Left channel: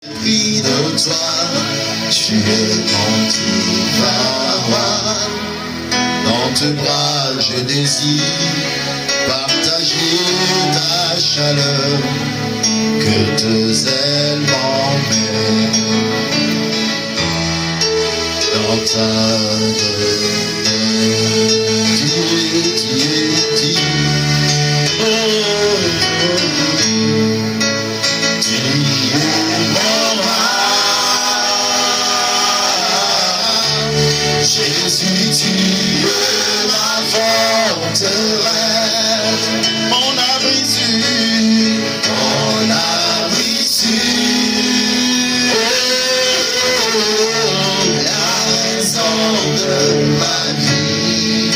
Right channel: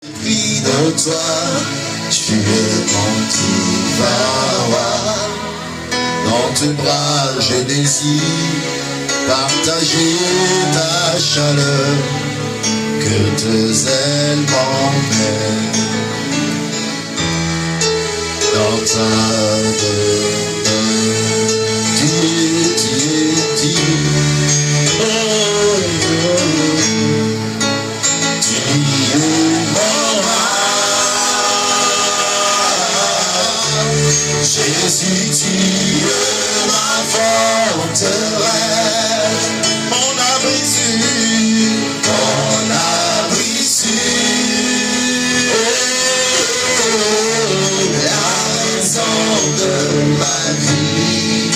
Puis de toi, tu es mon tout valoir. Dans tes bras, je désire partager ta chaleur, que tes ailes m'emmènent dans ta Jésus, tu es ma forteresse, mon abri sûr, mon abri sûr. La raison de ma vie,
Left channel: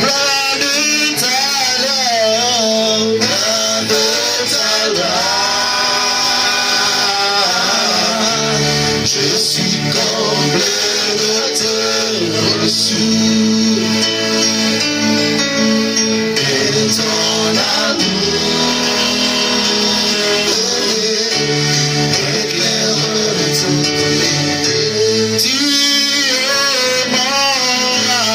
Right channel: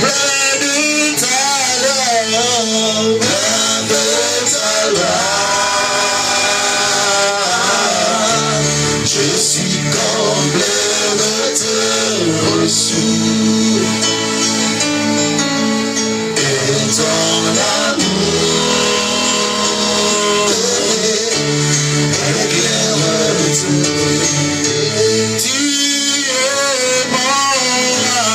plein de talent, plein de talent. Je suis comblé de tes reçus et ton amour éclaire tout. Tu es mon roi,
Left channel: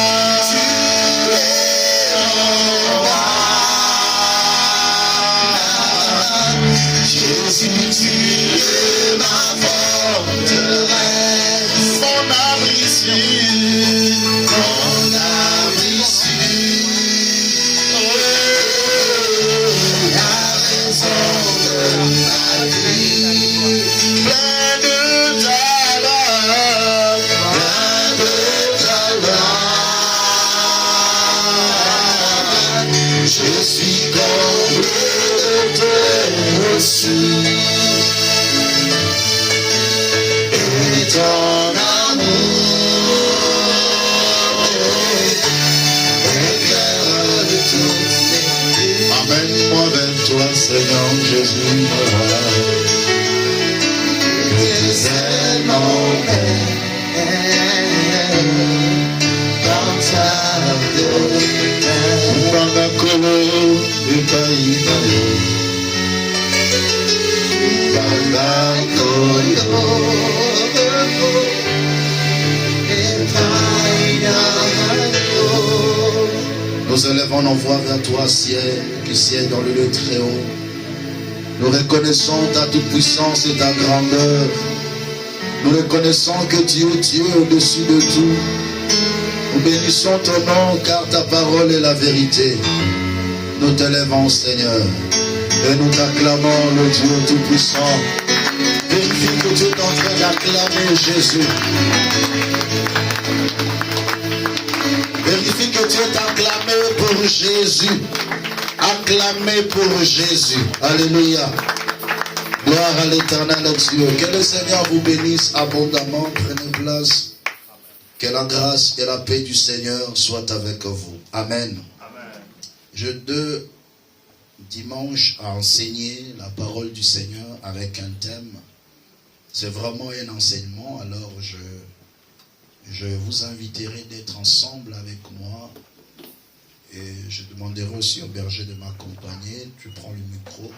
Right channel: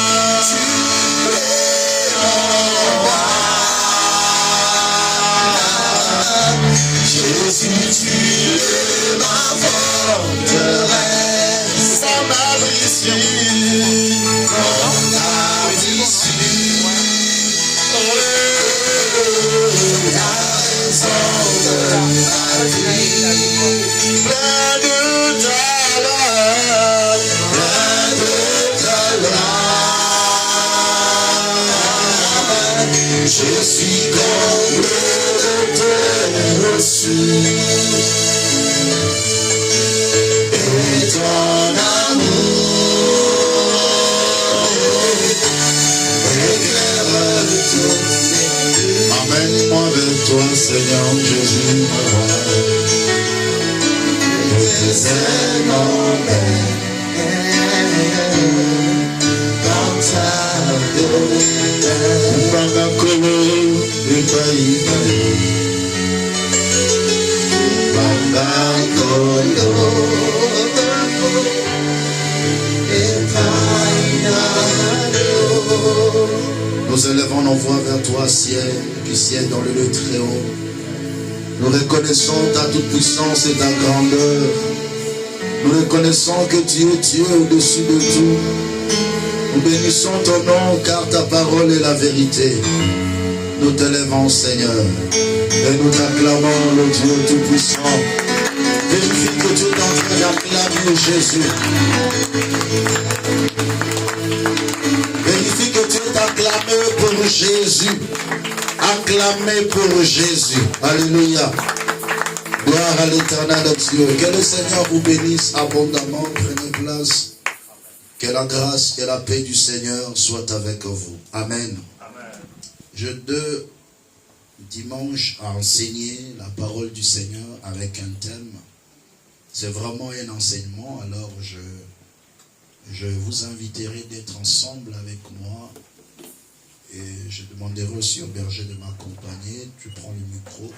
Jésus, tu es ma forteresse, mon abri sûr. Je suis comblé de tes reçus et ton amour éclaire tout. Amène-moi vers toi, Seigneur Jésus, me voilà. Que tes ailes m'emmènent dans ta Banakolo, Epaïbaï. Banakolo, Epaïbaï. Nous élevons nos voix vers toi, ciel, qui siège dans le lieu très haut. Nous reconnaissons ta toute-puissance et ta grandeur. Nous reconnaissons que tu es Dieu au-dessus de tout. Nous bénissons ton nom car ta parole est la vérité. Nous te lèvons, Seigneur, et nous t'acclamons, le Dieu tout-puissant. Vérifie que tu es en train d'acclamer Jésus. Vérifie que tu es acclamé pour Jésus. Acclamé pour Jésus. Alléluia. Gloire à l'Éternel Dieu. Que le Seigneur vous bénisse abondamment. Prenez place. Que la grâce et la paix du Seigneur soient avec vous. Amen. Amen. J'ai 2 dimanches à enseigner la parole du Seigneur avec un thème. C'est vraiment un enseignement. Alors je vous inviterai d'être ensemble avec moi. Et je demanderai aussi au berger de m'accompagner. Tu prends le micro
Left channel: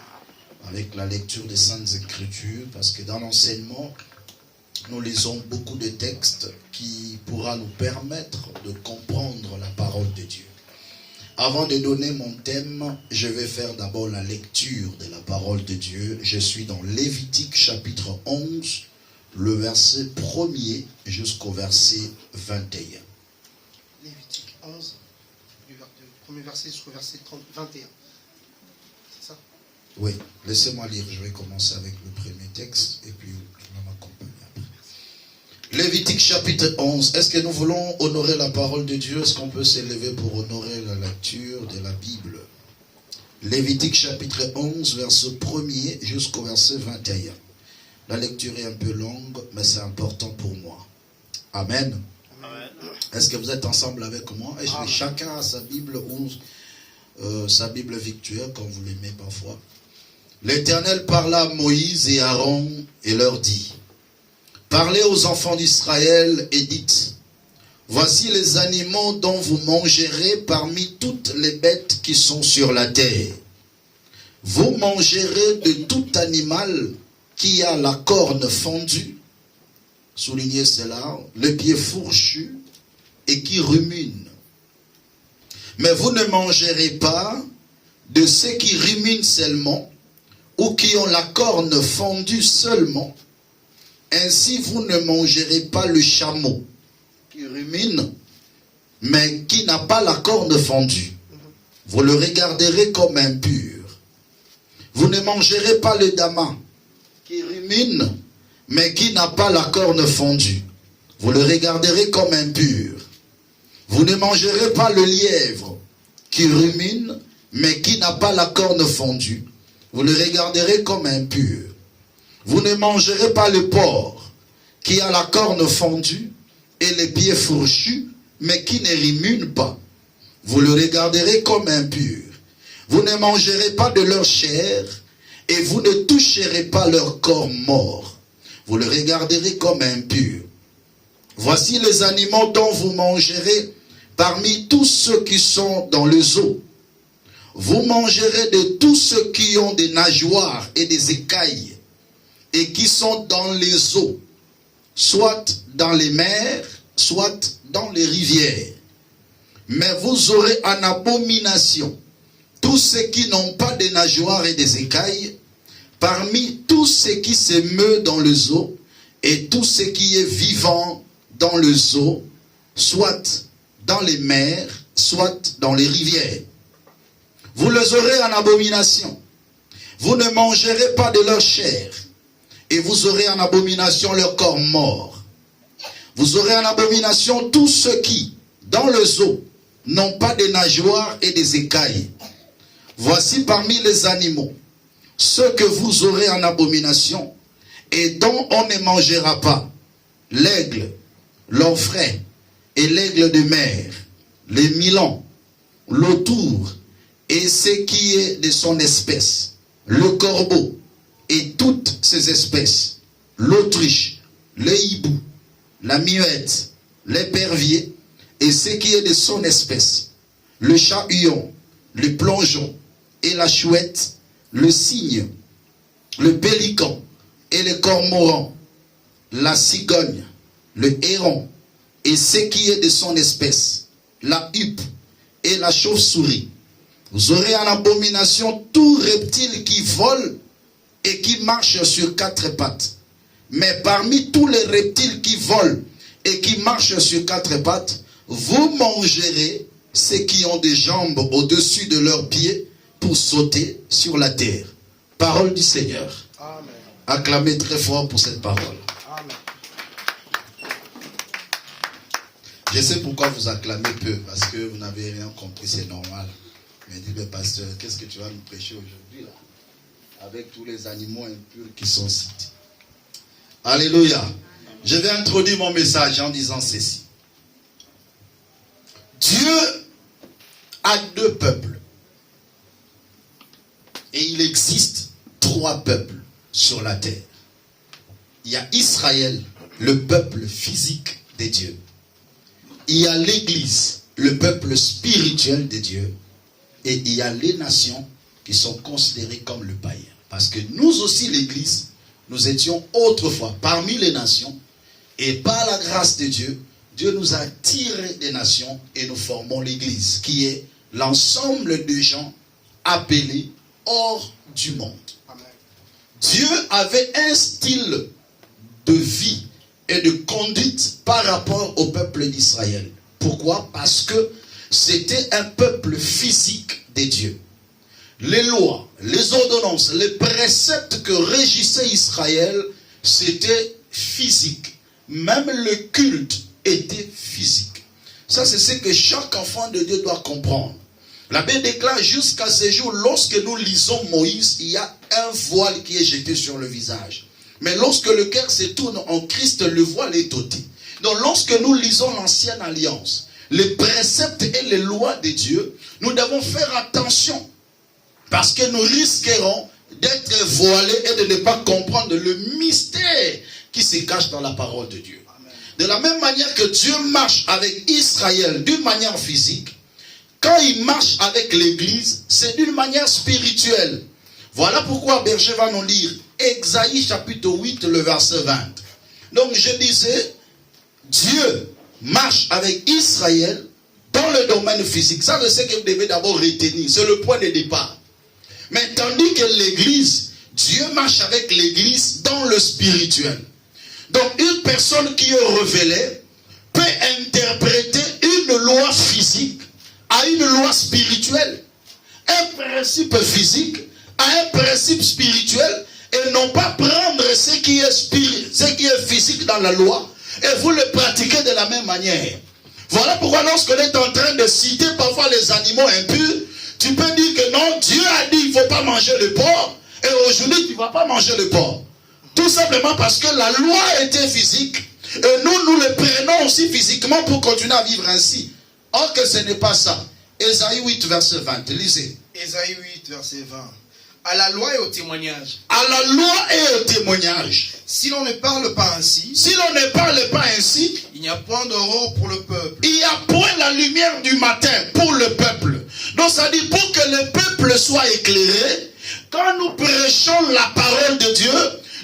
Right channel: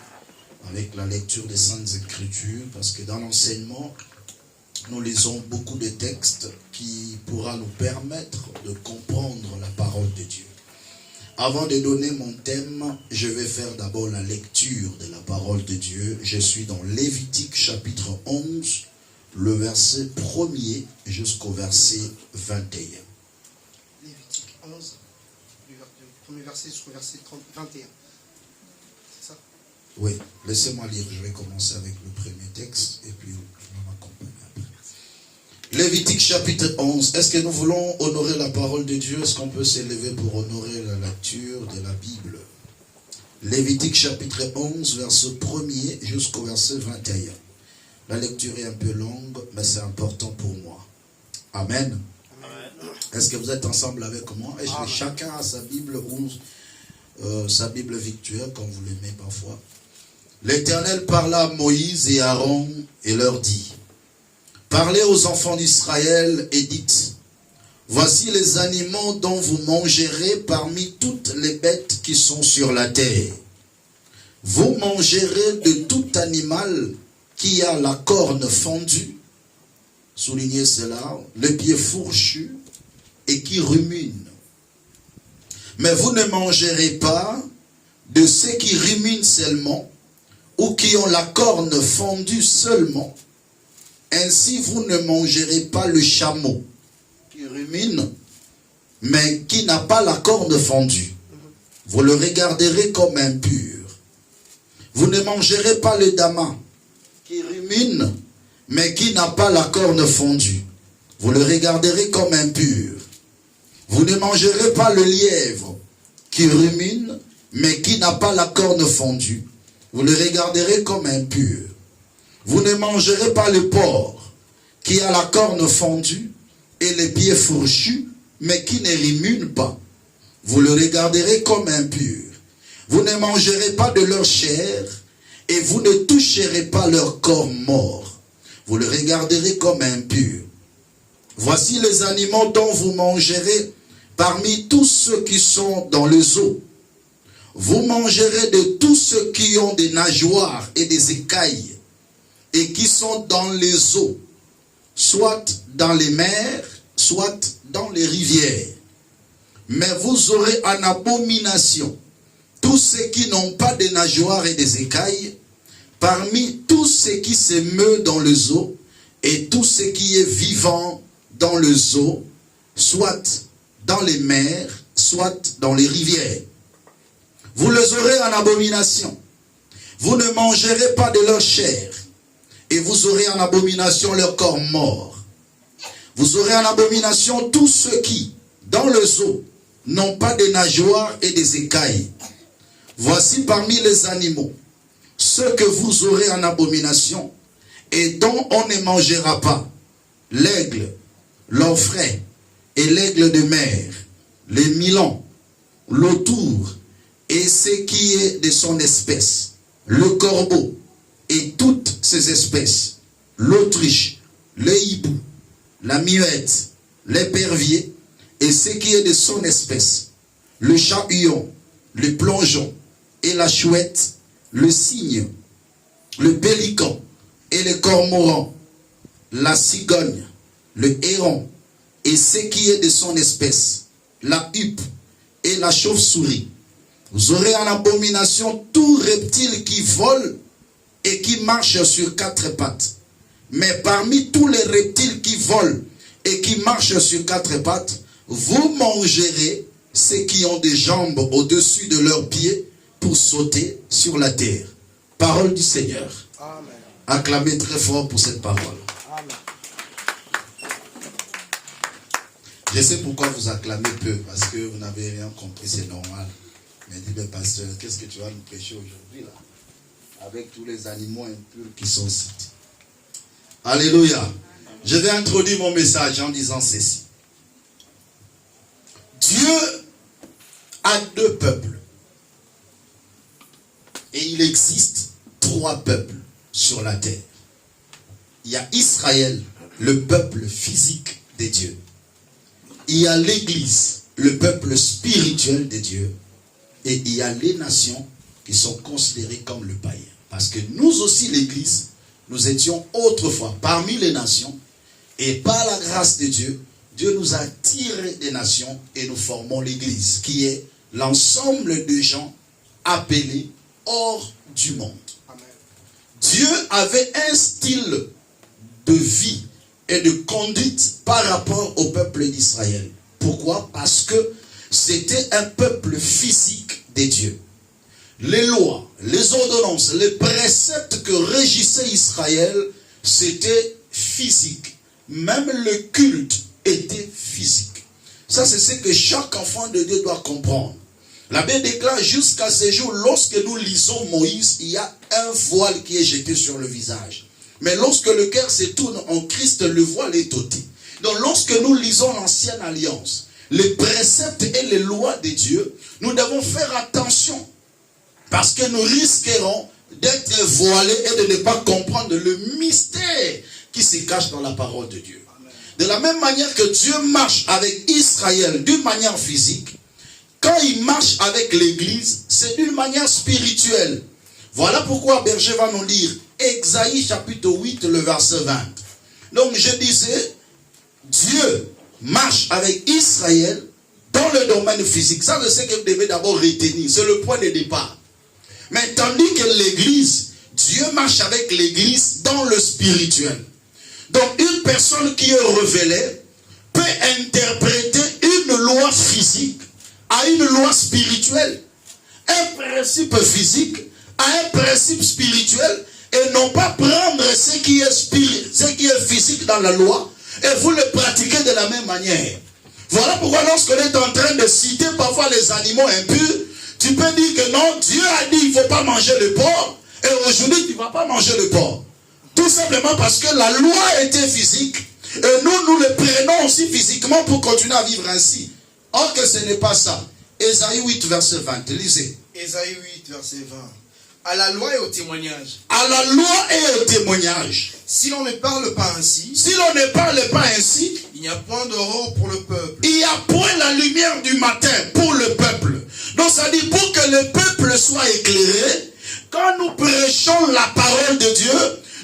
avec la lecture des Saintes Écritures. Parce que dans l'enseignement, nous lisons beaucoup de textes qui pourra nous permettre de comprendre la parole de Dieu. Avant de donner mon thème, je vais faire d'abord la lecture de la parole de Dieu. Je suis dans Lévitique chapitre 11, le verset 1er jusqu'au verset 21. Lévitique 11, du premier verset jusqu'au verset 21. C'est ça? Oui, laissez-moi lire. Je vais commencer avec le premier texte et puis je vais m'accompagner. Lévitique chapitre 11. Est-ce que nous voulons honorer la parole de Dieu? Est-ce qu'on peut s'élever pour honorer la lecture de la Bible? Lévitique chapitre 11, verset 1er jusqu'au verset 21. La lecture est un peu longue, mais c'est important pour moi. Amen. Amen. Est-ce que vous êtes ensemble avec moi? Et chacun a sa Bible ou sa Bible virtuelle, comme vous l'aimez parfois. L'Éternel parla à Moïse et Aaron et leur dit: parlez aux enfants d'Israël et dites: voici les animaux dont vous mangerez parmi toutes les bêtes qui sont sur la terre. Vous mangerez de tout animal qui a la corne fendue, soulignez cela, le pied fourchu et qui rumine. Mais vous ne mangerez pas de ceux qui ruminent seulement ou qui ont la corne fendue seulement. Ainsi vous ne mangerez pas le chameau qui rumine, mais qui n'a pas la corne fendue. Vous le regarderez comme impur. Vous ne mangerez pas le damas qui rumine, mais qui n'a pas la corne fendue. Vous le regarderez comme impur. Vous ne mangerez pas le lièvre qui rumine, mais qui n'a pas la corne fendue. Vous le regarderez comme impur. Vous ne mangerez pas le porc qui a la corne fendue et les pieds fourchus, mais qui ne rumine pas. Vous le regarderez comme impur. Vous ne mangerez pas de leur chair et vous ne toucherez pas leur corps mort. Vous le regarderez comme impur. Voici les animaux dont vous mangerez parmi tous ceux qui sont dans les eaux. Vous mangerez de tous ceux qui ont des nageoires et des écailles et qui sont dans les eaux, soit dans les mers, soit dans les rivières. Mais vous aurez en abomination tous ceux qui n'ont pas de nageoires et des écailles, parmi tous ceux qui se meuvent dans les eaux, et tout ce qui est vivant dans les eaux, soit dans les mers, soit dans les rivières. Vous les aurez en abomination. Vous ne mangerez pas de leur chair, et vous aurez en abomination leur corps mort. Vous aurez en abomination tous ceux qui, dans les eaux, n'ont pas de nageoires et des écailles. Voici parmi les animaux ceux que vous aurez en abomination et dont on ne mangera pas: l'aigle, l'orfraie et l'aigle de mer, les milans, l'autour et ce qui est de son espèce, le corbeau et toutes ses espèces, l'autruche, le hibou, la muette, l'épervier et ce qui est de son espèce, le chat-huon, le plongeon et la chouette, le cygne, le pélican et le cormoran, la cigogne, le héron et ce qui est de son espèce, la huppe et la chauve-souris. Vous aurez en abomination tout reptile qui vole et qui marche sur quatre pattes. Mais parmi tous les reptiles qui volent et qui marchent sur quatre pattes, vous mangerez ceux qui ont des jambes au-dessus de leurs pieds pour sauter sur la terre. Parole du Seigneur. Amen. Acclamez très fort pour cette parole. Amen. Je sais pourquoi vous acclamez peu, parce que vous n'avez rien compris, c'est normal. Mais dis, mais pasteur, qu'est-ce que tu vas nous prêcher aujourd'hui là, avec tous les animaux impurs qui sont cités? Alléluia. Je vais introduire mon message en disant ceci. Dieu a deux peuples. Et il existe trois peuples sur la terre. Il y a Israël, le peuple physique de Dieu. Il y a l'Église, le peuple spirituel de Dieu. Et il y a les nations qui sont considérées comme le païen. Parce que nous aussi, l'Église, nous étions autrefois parmi les nations. Et par la grâce de Dieu, Dieu nous a tirés des nations et nous formons l'Église, qui est l'ensemble de gens appelés hors du monde. Amen. Dieu avait un style de vie et de conduite par rapport au peuple d'Israël. Pourquoi? Parce que c'était un peuple physique de Dieu. Les lois, les ordonnances, les préceptes que régissait Israël, c'était physique. Même le culte était physique. Ça, c'est ce que chaque enfant de Dieu doit comprendre. La Bible déclare jusqu'à ce jour, lorsque nous lisons Moïse, il y a un voile qui est jeté sur le visage. Mais lorsque le cœur se tourne en Christ, le voile est ôté. Donc lorsque nous lisons l'ancienne alliance, les préceptes et les lois de Dieu, nous devons faire attention. Parce que nous risquerons d'être voilés et de ne pas comprendre le mystère qui se cache dans la parole de Dieu. Amen. De la même manière que Dieu marche avec Israël d'une manière physique, quand il marche avec l'Église, c'est d'une manière spirituelle. Voilà pourquoi Berger va nous lire Ésaïe chapitre 8, le verset 20. Donc je disais, Dieu marche avec Israël dans le domaine physique. Ça, c'est ce que vous devez d'abord retenir. C'est le point de départ. Mais tandis que l'Église, Dieu marche avec l'Église dans le spirituel. Donc une personne qui est révélée peut interpréter une loi physique à une loi spirituelle. Un principe physique à un principe spirituel, et non pas prendre ce qui est physique dans la loi et vous le pratiquez de la même manière. Voilà pourquoi lorsqu'on est en train de citer parfois les animaux impurs, tu peux dire que non, Dieu a dit qu'il ne faut pas manger le porc, et aujourd'hui tu ne vas pas manger le porc. Tout simplement parce que la loi était physique, et nous le prenons aussi physiquement pour continuer à vivre ainsi. Or que ce n'est pas ça. Ésaïe 8, verset 20, lisez. Ésaïe 8, verset 20. À la loi et au témoignage. À la loi et au témoignage. Si l'on ne parle pas ainsi. Si l'on ne parle pas ainsi. Il n'y a point d'aurore pour le peuple. Il n'y a point la lumière du matin pour le peuple. Donc ça dit pour que le peuple soit éclairé, quand nous prêchons la parole de Dieu,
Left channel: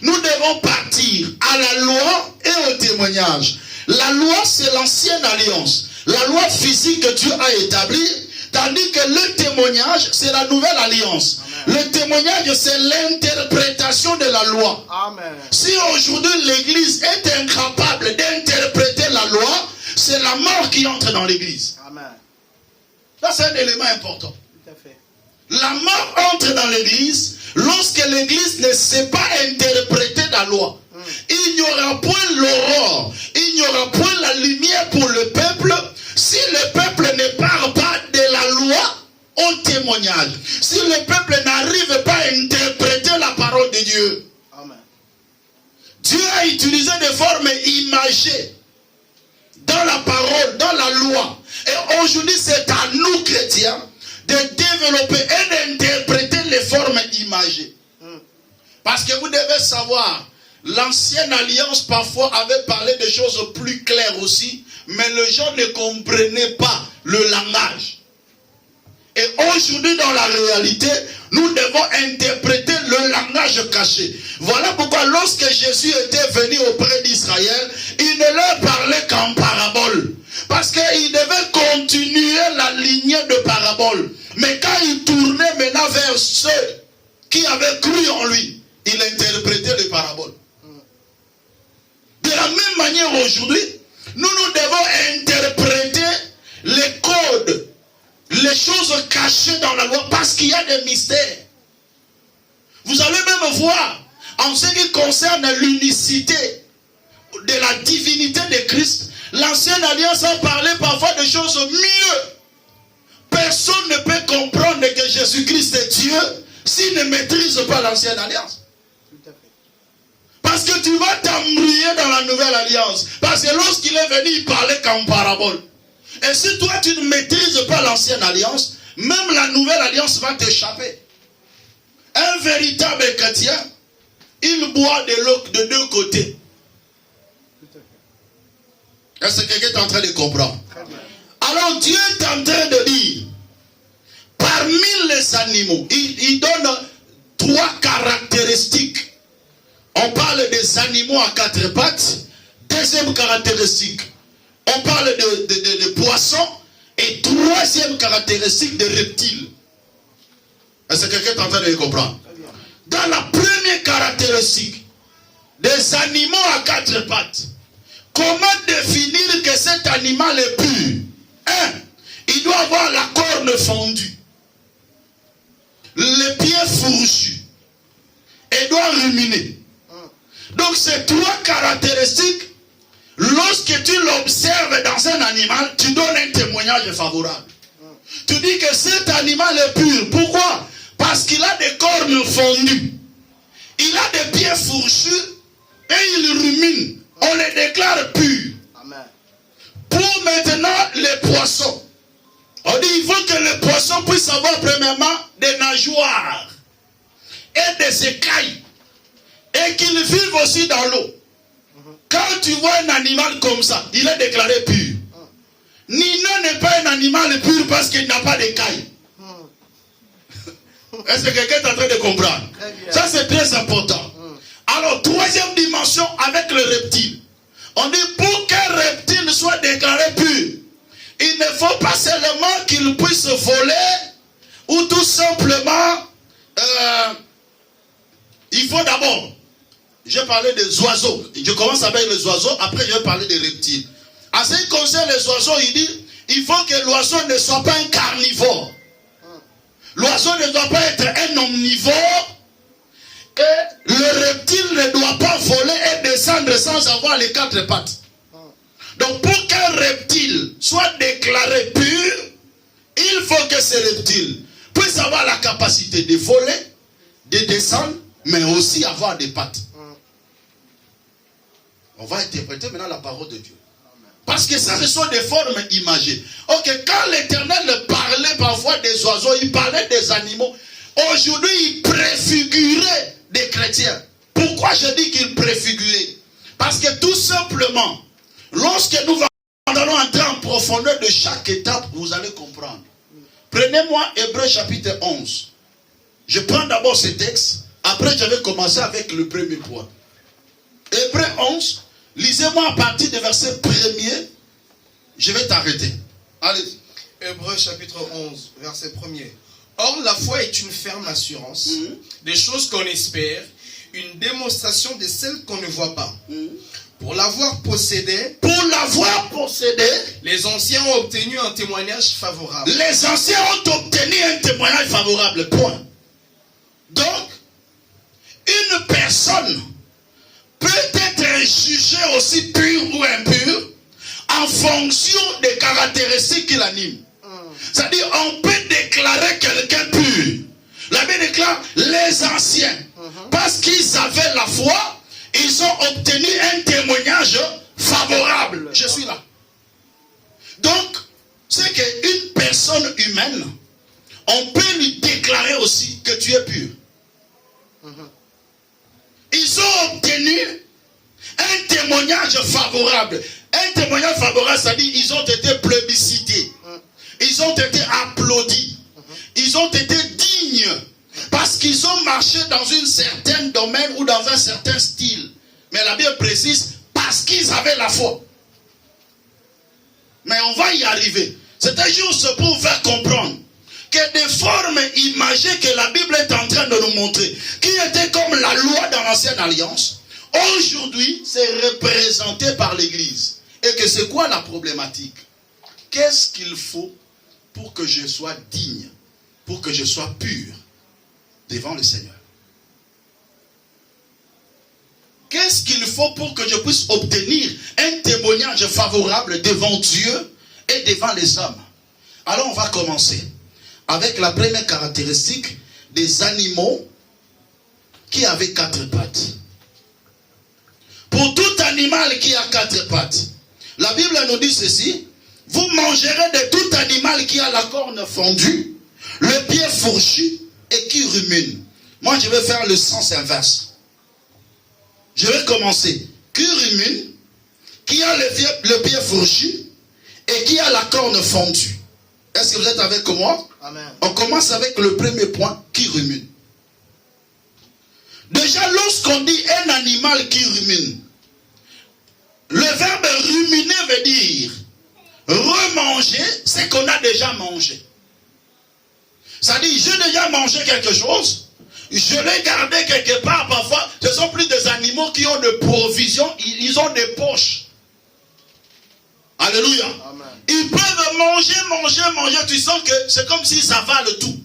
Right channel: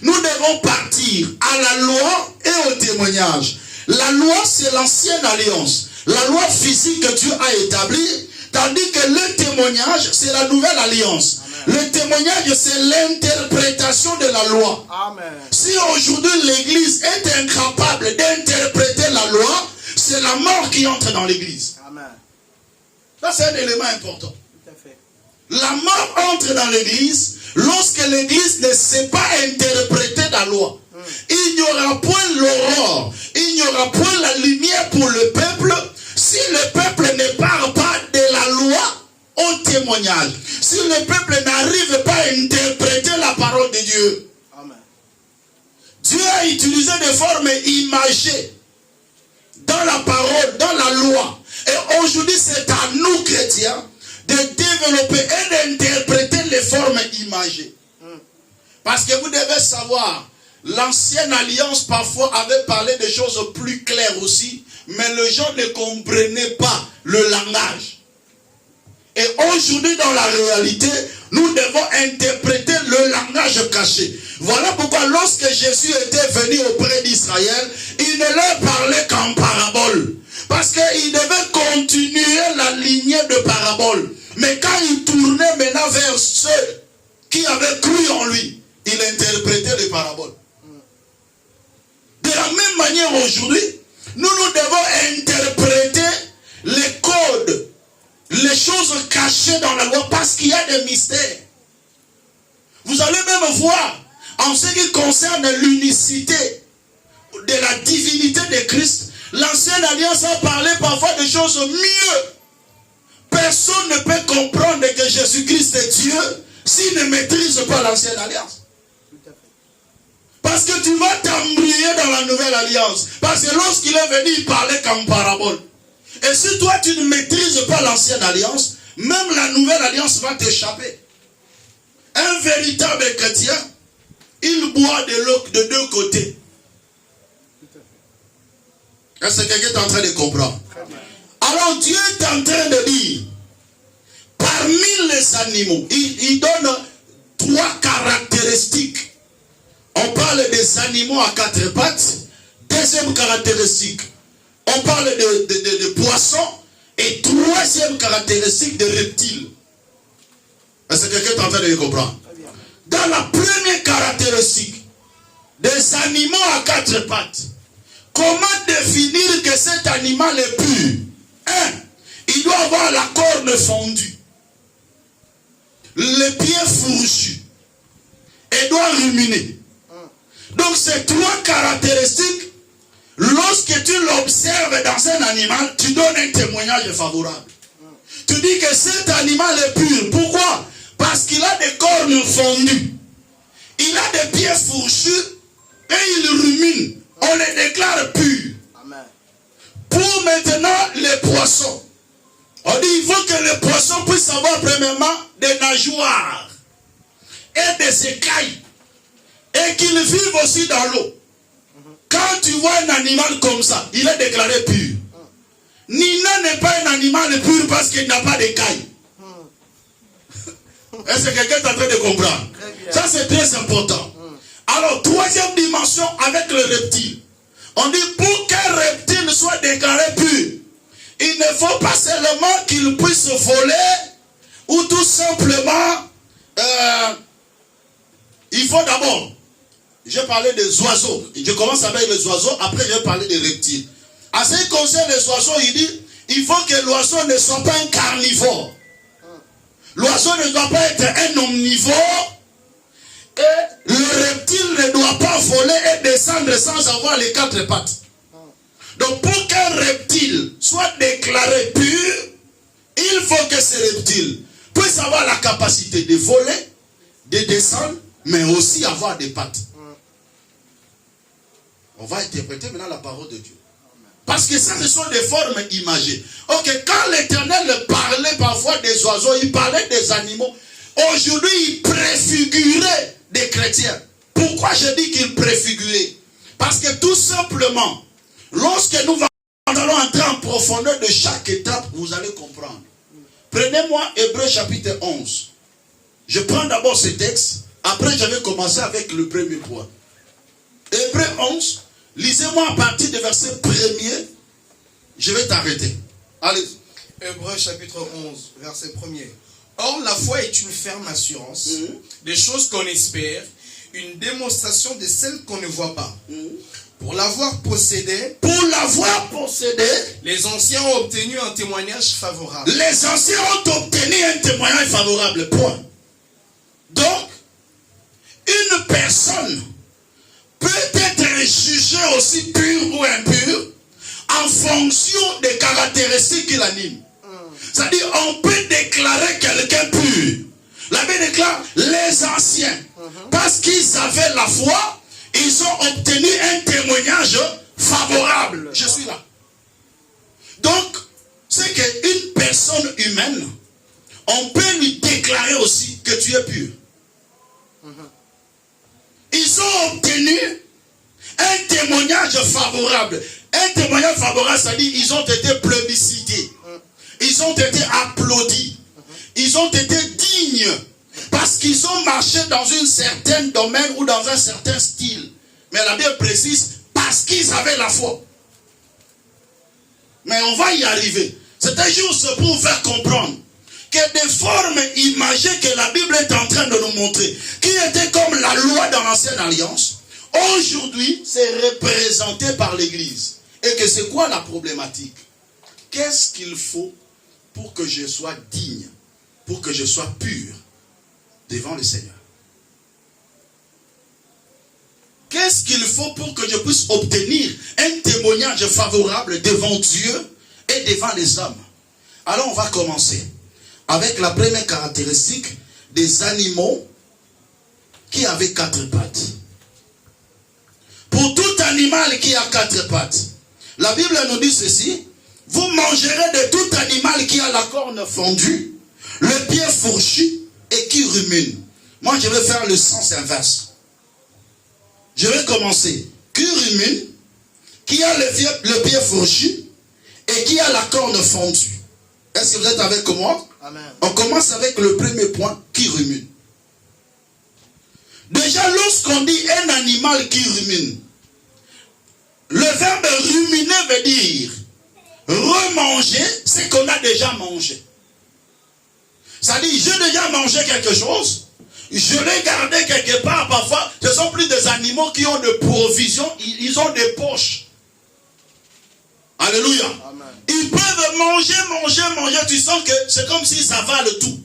nous devons partir à la loi et au témoignage. La loi, c'est l'ancienne alliance. La loi physique que Dieu a établie, tandis que le témoignage, c'est la nouvelle alliance. Amen. Le témoignage, c'est l'interprétation de la loi. Amen. Si aujourd'hui l'Église est incapable d'interpréter la loi, c'est la mort qui entre dans l'Église. Amen. Ça, c'est un élément important. Tout à fait. La mort entre dans l'Église lorsque l'Église ne sait pas interpréter la loi. Il n'y aura point l'aurore, il n'y aura point la lumière pour le peuple si le peuple ne parle pas de la loi au témoignage. Si le peuple n'arrive pas à interpréter la parole de Dieu. Amen. Dieu a utilisé des formes imagées dans la parole, dans la loi. Et aujourd'hui, c'est à nous, chrétiens, de développer et d'interpréter les formes imagées. Parce que vous devez savoir, l'ancienne alliance parfois avait parlé de choses plus claires aussi, mais les gens ne comprenaient pas le langage. Et aujourd'hui, dans la réalité, nous devons interpréter le langage caché. Voilà pourquoi lorsque Jésus était venu auprès d'Israël, il ne leur parlait qu'en parabole. Parce qu'il devait continuer la lignée de paraboles. Mais quand il tournait maintenant vers ceux qui avaient cru en lui, il interprétait les paraboles. De la même manière aujourd'hui, nous devons interpréter les codes, les choses cachées dans la loi, parce qu'il y a des mystères. Vous allez même voir, en ce qui concerne l'unicité de la divinité de Christ, l'ancienne alliance a parlé parfois de choses mieux. Personne ne peut comprendre que Jésus-Christ est Dieu s'il ne maîtrise pas l'ancienne alliance. Parce que tu vas t'embrouiller dans la nouvelle alliance. Parce que lorsqu'il est venu, il parlait qu'en parabole. Et si toi tu ne maîtrises pas l'ancienne alliance, même la nouvelle alliance va t'échapper. Un véritable chrétien, il boit de l'eau de deux côtés. Est-ce que quelqu'un est en train de comprendre? Alors Dieu est en train de dire, parmi les animaux, il donne trois caractéristiques. On parle des animaux à quatre pattes. Deuxième caractéristique, on parle de poissons. Et troisième caractéristique, de reptiles. Est-ce que quelqu'un est en train de le comprendre? Dans la première caractéristique, des animaux à quatre pattes, comment définir que cet animal est pur? Un, il doit avoir la corne fondue, les pieds fourchus, et doit ruminer. Donc ces trois caractéristiques, lorsque tu l'observes dans un animal, tu donnes un témoignage favorable. Tu dis que cet animal est pur. Pourquoi? Parce qu'il a des cornes fondues. Il a des pieds fourchus et il rumine. On les déclare purs. Amen. Pour maintenant les poissons. On dit il faut que les poissons puissent avoir premièrement des nageoires et des écailles. Et qu'ils vivent aussi dans l'eau. Quand tu vois un animal comme ça, il est déclaré pur. Nina n'est pas un animal pur parce qu'il n'a pas d'écailles. Est-ce que quelqu'un est en train de comprendre? Ça c'est très important. Alors, troisième dimension avec le reptile. On dit pour qu'un reptile soit déclaré pur, il ne faut pas seulement qu'il puisse voler ou tout simplement, il faut d'abord, j'ai parlé des oiseaux, je commence avec les oiseaux, après je vais parler des reptiles. En ce qui concerne les oiseaux, il dit, il faut que l'oiseau ne soit pas un carnivore. L'oiseau ne doit pas être un omnivore. Et le reptile ne doit pas voler et descendre sans avoir les quatre pattes. Donc pour qu'un reptile soit déclaré pur, il faut que ce reptile puisse avoir la capacité de voler, de descendre, mais aussi avoir des pattes. On va interpréter maintenant la parole de Dieu. Parce que ça, ce sont des formes imagées. Ok, quand l'Éternel parlait parfois des oiseaux, il parlait des animaux. Aujourd'hui, il préfigurait des chrétiens. Pourquoi je dis qu'il préfigurait? Parce que tout simplement, lorsque nous allons entrer en profondeur de chaque étape, vous allez comprendre. Prenez-moi Hébreux chapitre 11. Je prends d'abord ce texte, après je vais commencer avec le premier point. Hébreux 11, lisez-moi à partir du verset 1er, je vais t'arrêter. Allez-y. Hébreux chapitre 11, verset 1er. Or, la foi est une ferme assurance des choses qu'on espère, une démonstration de celles qu'on ne voit pas. Pour l'avoir possédé, les anciens ont obtenu un témoignage favorable. Les anciens ont obtenu un témoignage favorable, point. Donc, une personne peut être jugée aussi pure ou impure en fonction des caractéristiques qui l'animent. C'est-à-dire, on peut déclarer quelqu'un pur. La Bible déclare les anciens. Parce qu'ils avaient la foi, ils ont obtenu un témoignage favorable. Je suis là. Donc, c'est qu'une personne humaine, on peut lui déclarer aussi que tu es pur. Ils ont obtenu un témoignage favorable. Un témoignage favorable, c'est-à-dire ils ont été plébiscités. Ils ont été applaudis. Ils ont été dignes. Parce qu'ils ont marché dans un certain domaine ou dans un certain style. Mais la Bible précise, parce qu'ils avaient la foi. Mais on va y arriver. C'est juste pour vous faire comprendre que des formes imagées que la Bible est en train de nous montrer, qui étaient comme la loi dans l'ancienne alliance, aujourd'hui, c'est représenté par l'Église. Et que c'est quoi la problématique? Qu'est-ce qu'il faut pour que je sois digne, pour que je sois pur devant le Seigneur? Qu'est-ce qu'il faut pour que je puisse obtenir un témoignage favorable devant Dieu et devant les hommes? Alors on va commencer avec la première caractéristique des animaux qui avaient quatre pattes. Pour tout animal qui a quatre pattes, la Bible nous dit ceci: vous mangerez de tout animal qui a la corne fendue, le pied fourchu et qui rumine. Moi, je vais faire le sens inverse. Je vais commencer. Qui rumine, qui a le pied fourchu et qui a la corne fendue. Est-ce que vous êtes avec moi? Amen. On commence avec le premier point, qui rumine. Déjà, lorsqu'on dit un animal qui rumine, le verbe ruminer veut dire remanger ce qu'on a déjà mangé. Ça dit, j'ai déjà mangé quelque chose, je l'ai gardé quelque part. Parfois, ce sont plus des animaux qui ont de provisions, ils ont des poches. Alléluia. Amen. Ils peuvent manger, tu sens que c'est comme s'ils avalent tout.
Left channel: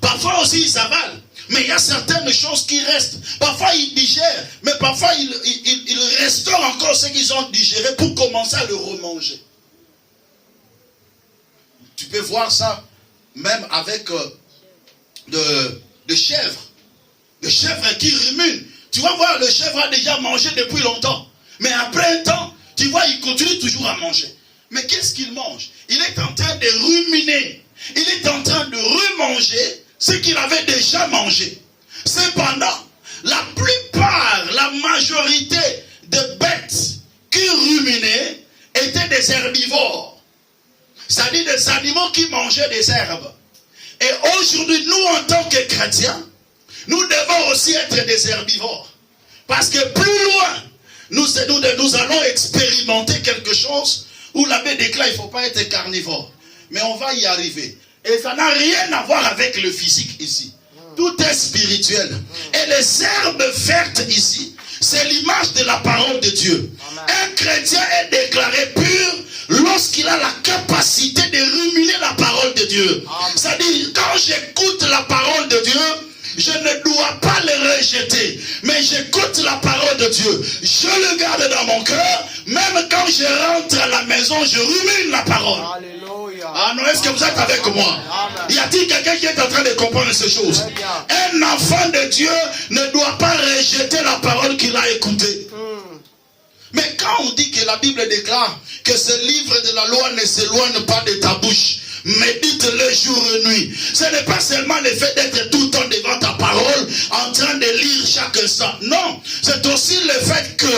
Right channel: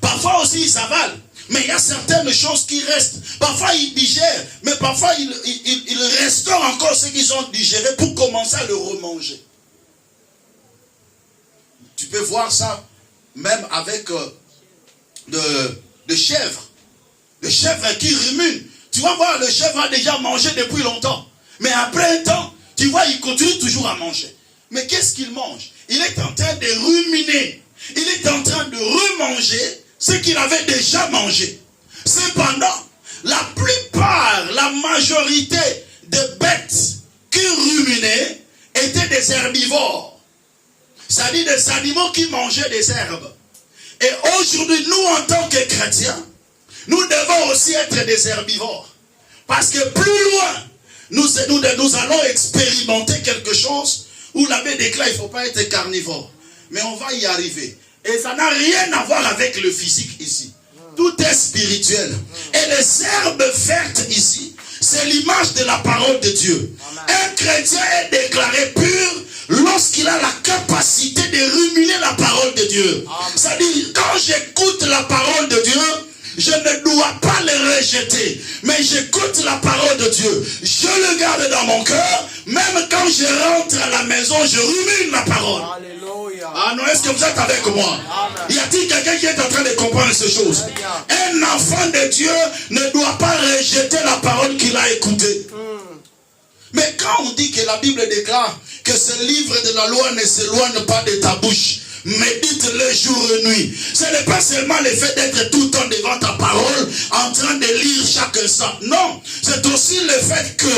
Parfois aussi ils avalent, mais il y a certaines choses qui restent. Parfois ils digèrent, mais parfois ils restaurent encore ce qu'ils ont digéré pour commencer à le remanger. Tu peux voir ça même avec des chèvres. Des chèvres qui ruminent. Tu vas voir, le chèvre a déjà mangé depuis longtemps. Mais après un temps, tu vois, il continue toujours à manger. Mais qu'est-ce qu'il mange? Il est en train de ruminer. Il est en train de remanger ce qu'il avait déjà mangé. Cependant, la plupart, la majorité des bêtes qui ruminaient étaient des herbivores. C'est-à-dire des animaux qui mangeaient des herbes. Et aujourd'hui, nous, en tant que chrétiens, nous devons aussi être des herbivores. Parce que plus loin, nous allons expérimenter quelque chose où l'abbé déclare il ne faut pas être carnivore. Mais on va y arriver. Et ça n'a rien à voir avec le physique ici. Tout est spirituel. Et les herbes vertes ici, c'est l'image de la parole de Dieu. Amen. Un chrétien est déclaré pur lorsqu'il a la capacité de ruminer la parole de Dieu. C'est-à-dire, quand j'écoute la parole de Dieu, je ne dois pas le rejeter, mais j'écoute la parole de Dieu. Je le garde dans mon cœur. Même quand je rentre à la maison, je rumine la parole. Alléluia. Ah non, est-ce que vous êtes avec moi? Amen. Y a-t-il quelqu'un qui est en train de comprendre ces choses? Un enfant de Dieu ne doit pas rejeter la parole qu'il a écoutée. Mais quand on dit que la Bible déclare que ce livre de la loi ne s'éloigne pas de ta bouche, médite-le jour et nuit. Ce n'est pas seulement le fait d'être tout le temps devant ta parole, en train de lire chaque instant. Non, c'est aussi le fait que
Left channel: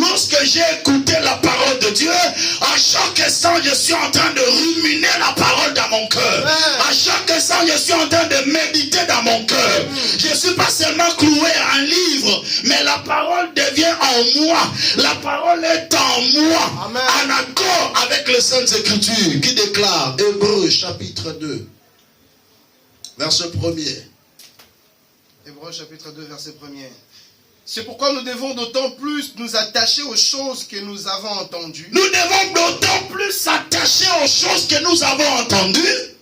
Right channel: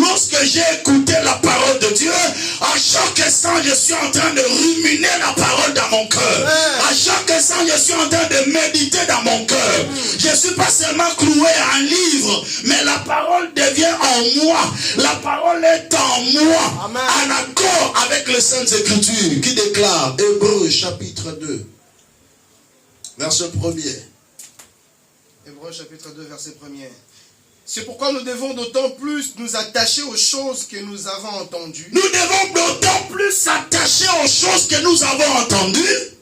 lorsque j'ai écouté la parole de Dieu, à chaque instant je suis en train de ruminer la parole dans mon cœur. À chaque instant je suis en train de méditer dans mon cœur. Je ne suis pas seulement cloué à un livre, mais la parole devient en moi. La parole est en moi. Amen. En accord avec les Saintes Écritures qui déclarent, Hébreux chapitre 2, verset 1er. Hébreux chapitre 2, verset 1er. C'est pourquoi nous devons d'autant plus nous attacher aux choses que nous avons entendues. Nous devons d'autant plus s'attacher aux choses que nous avons entendues.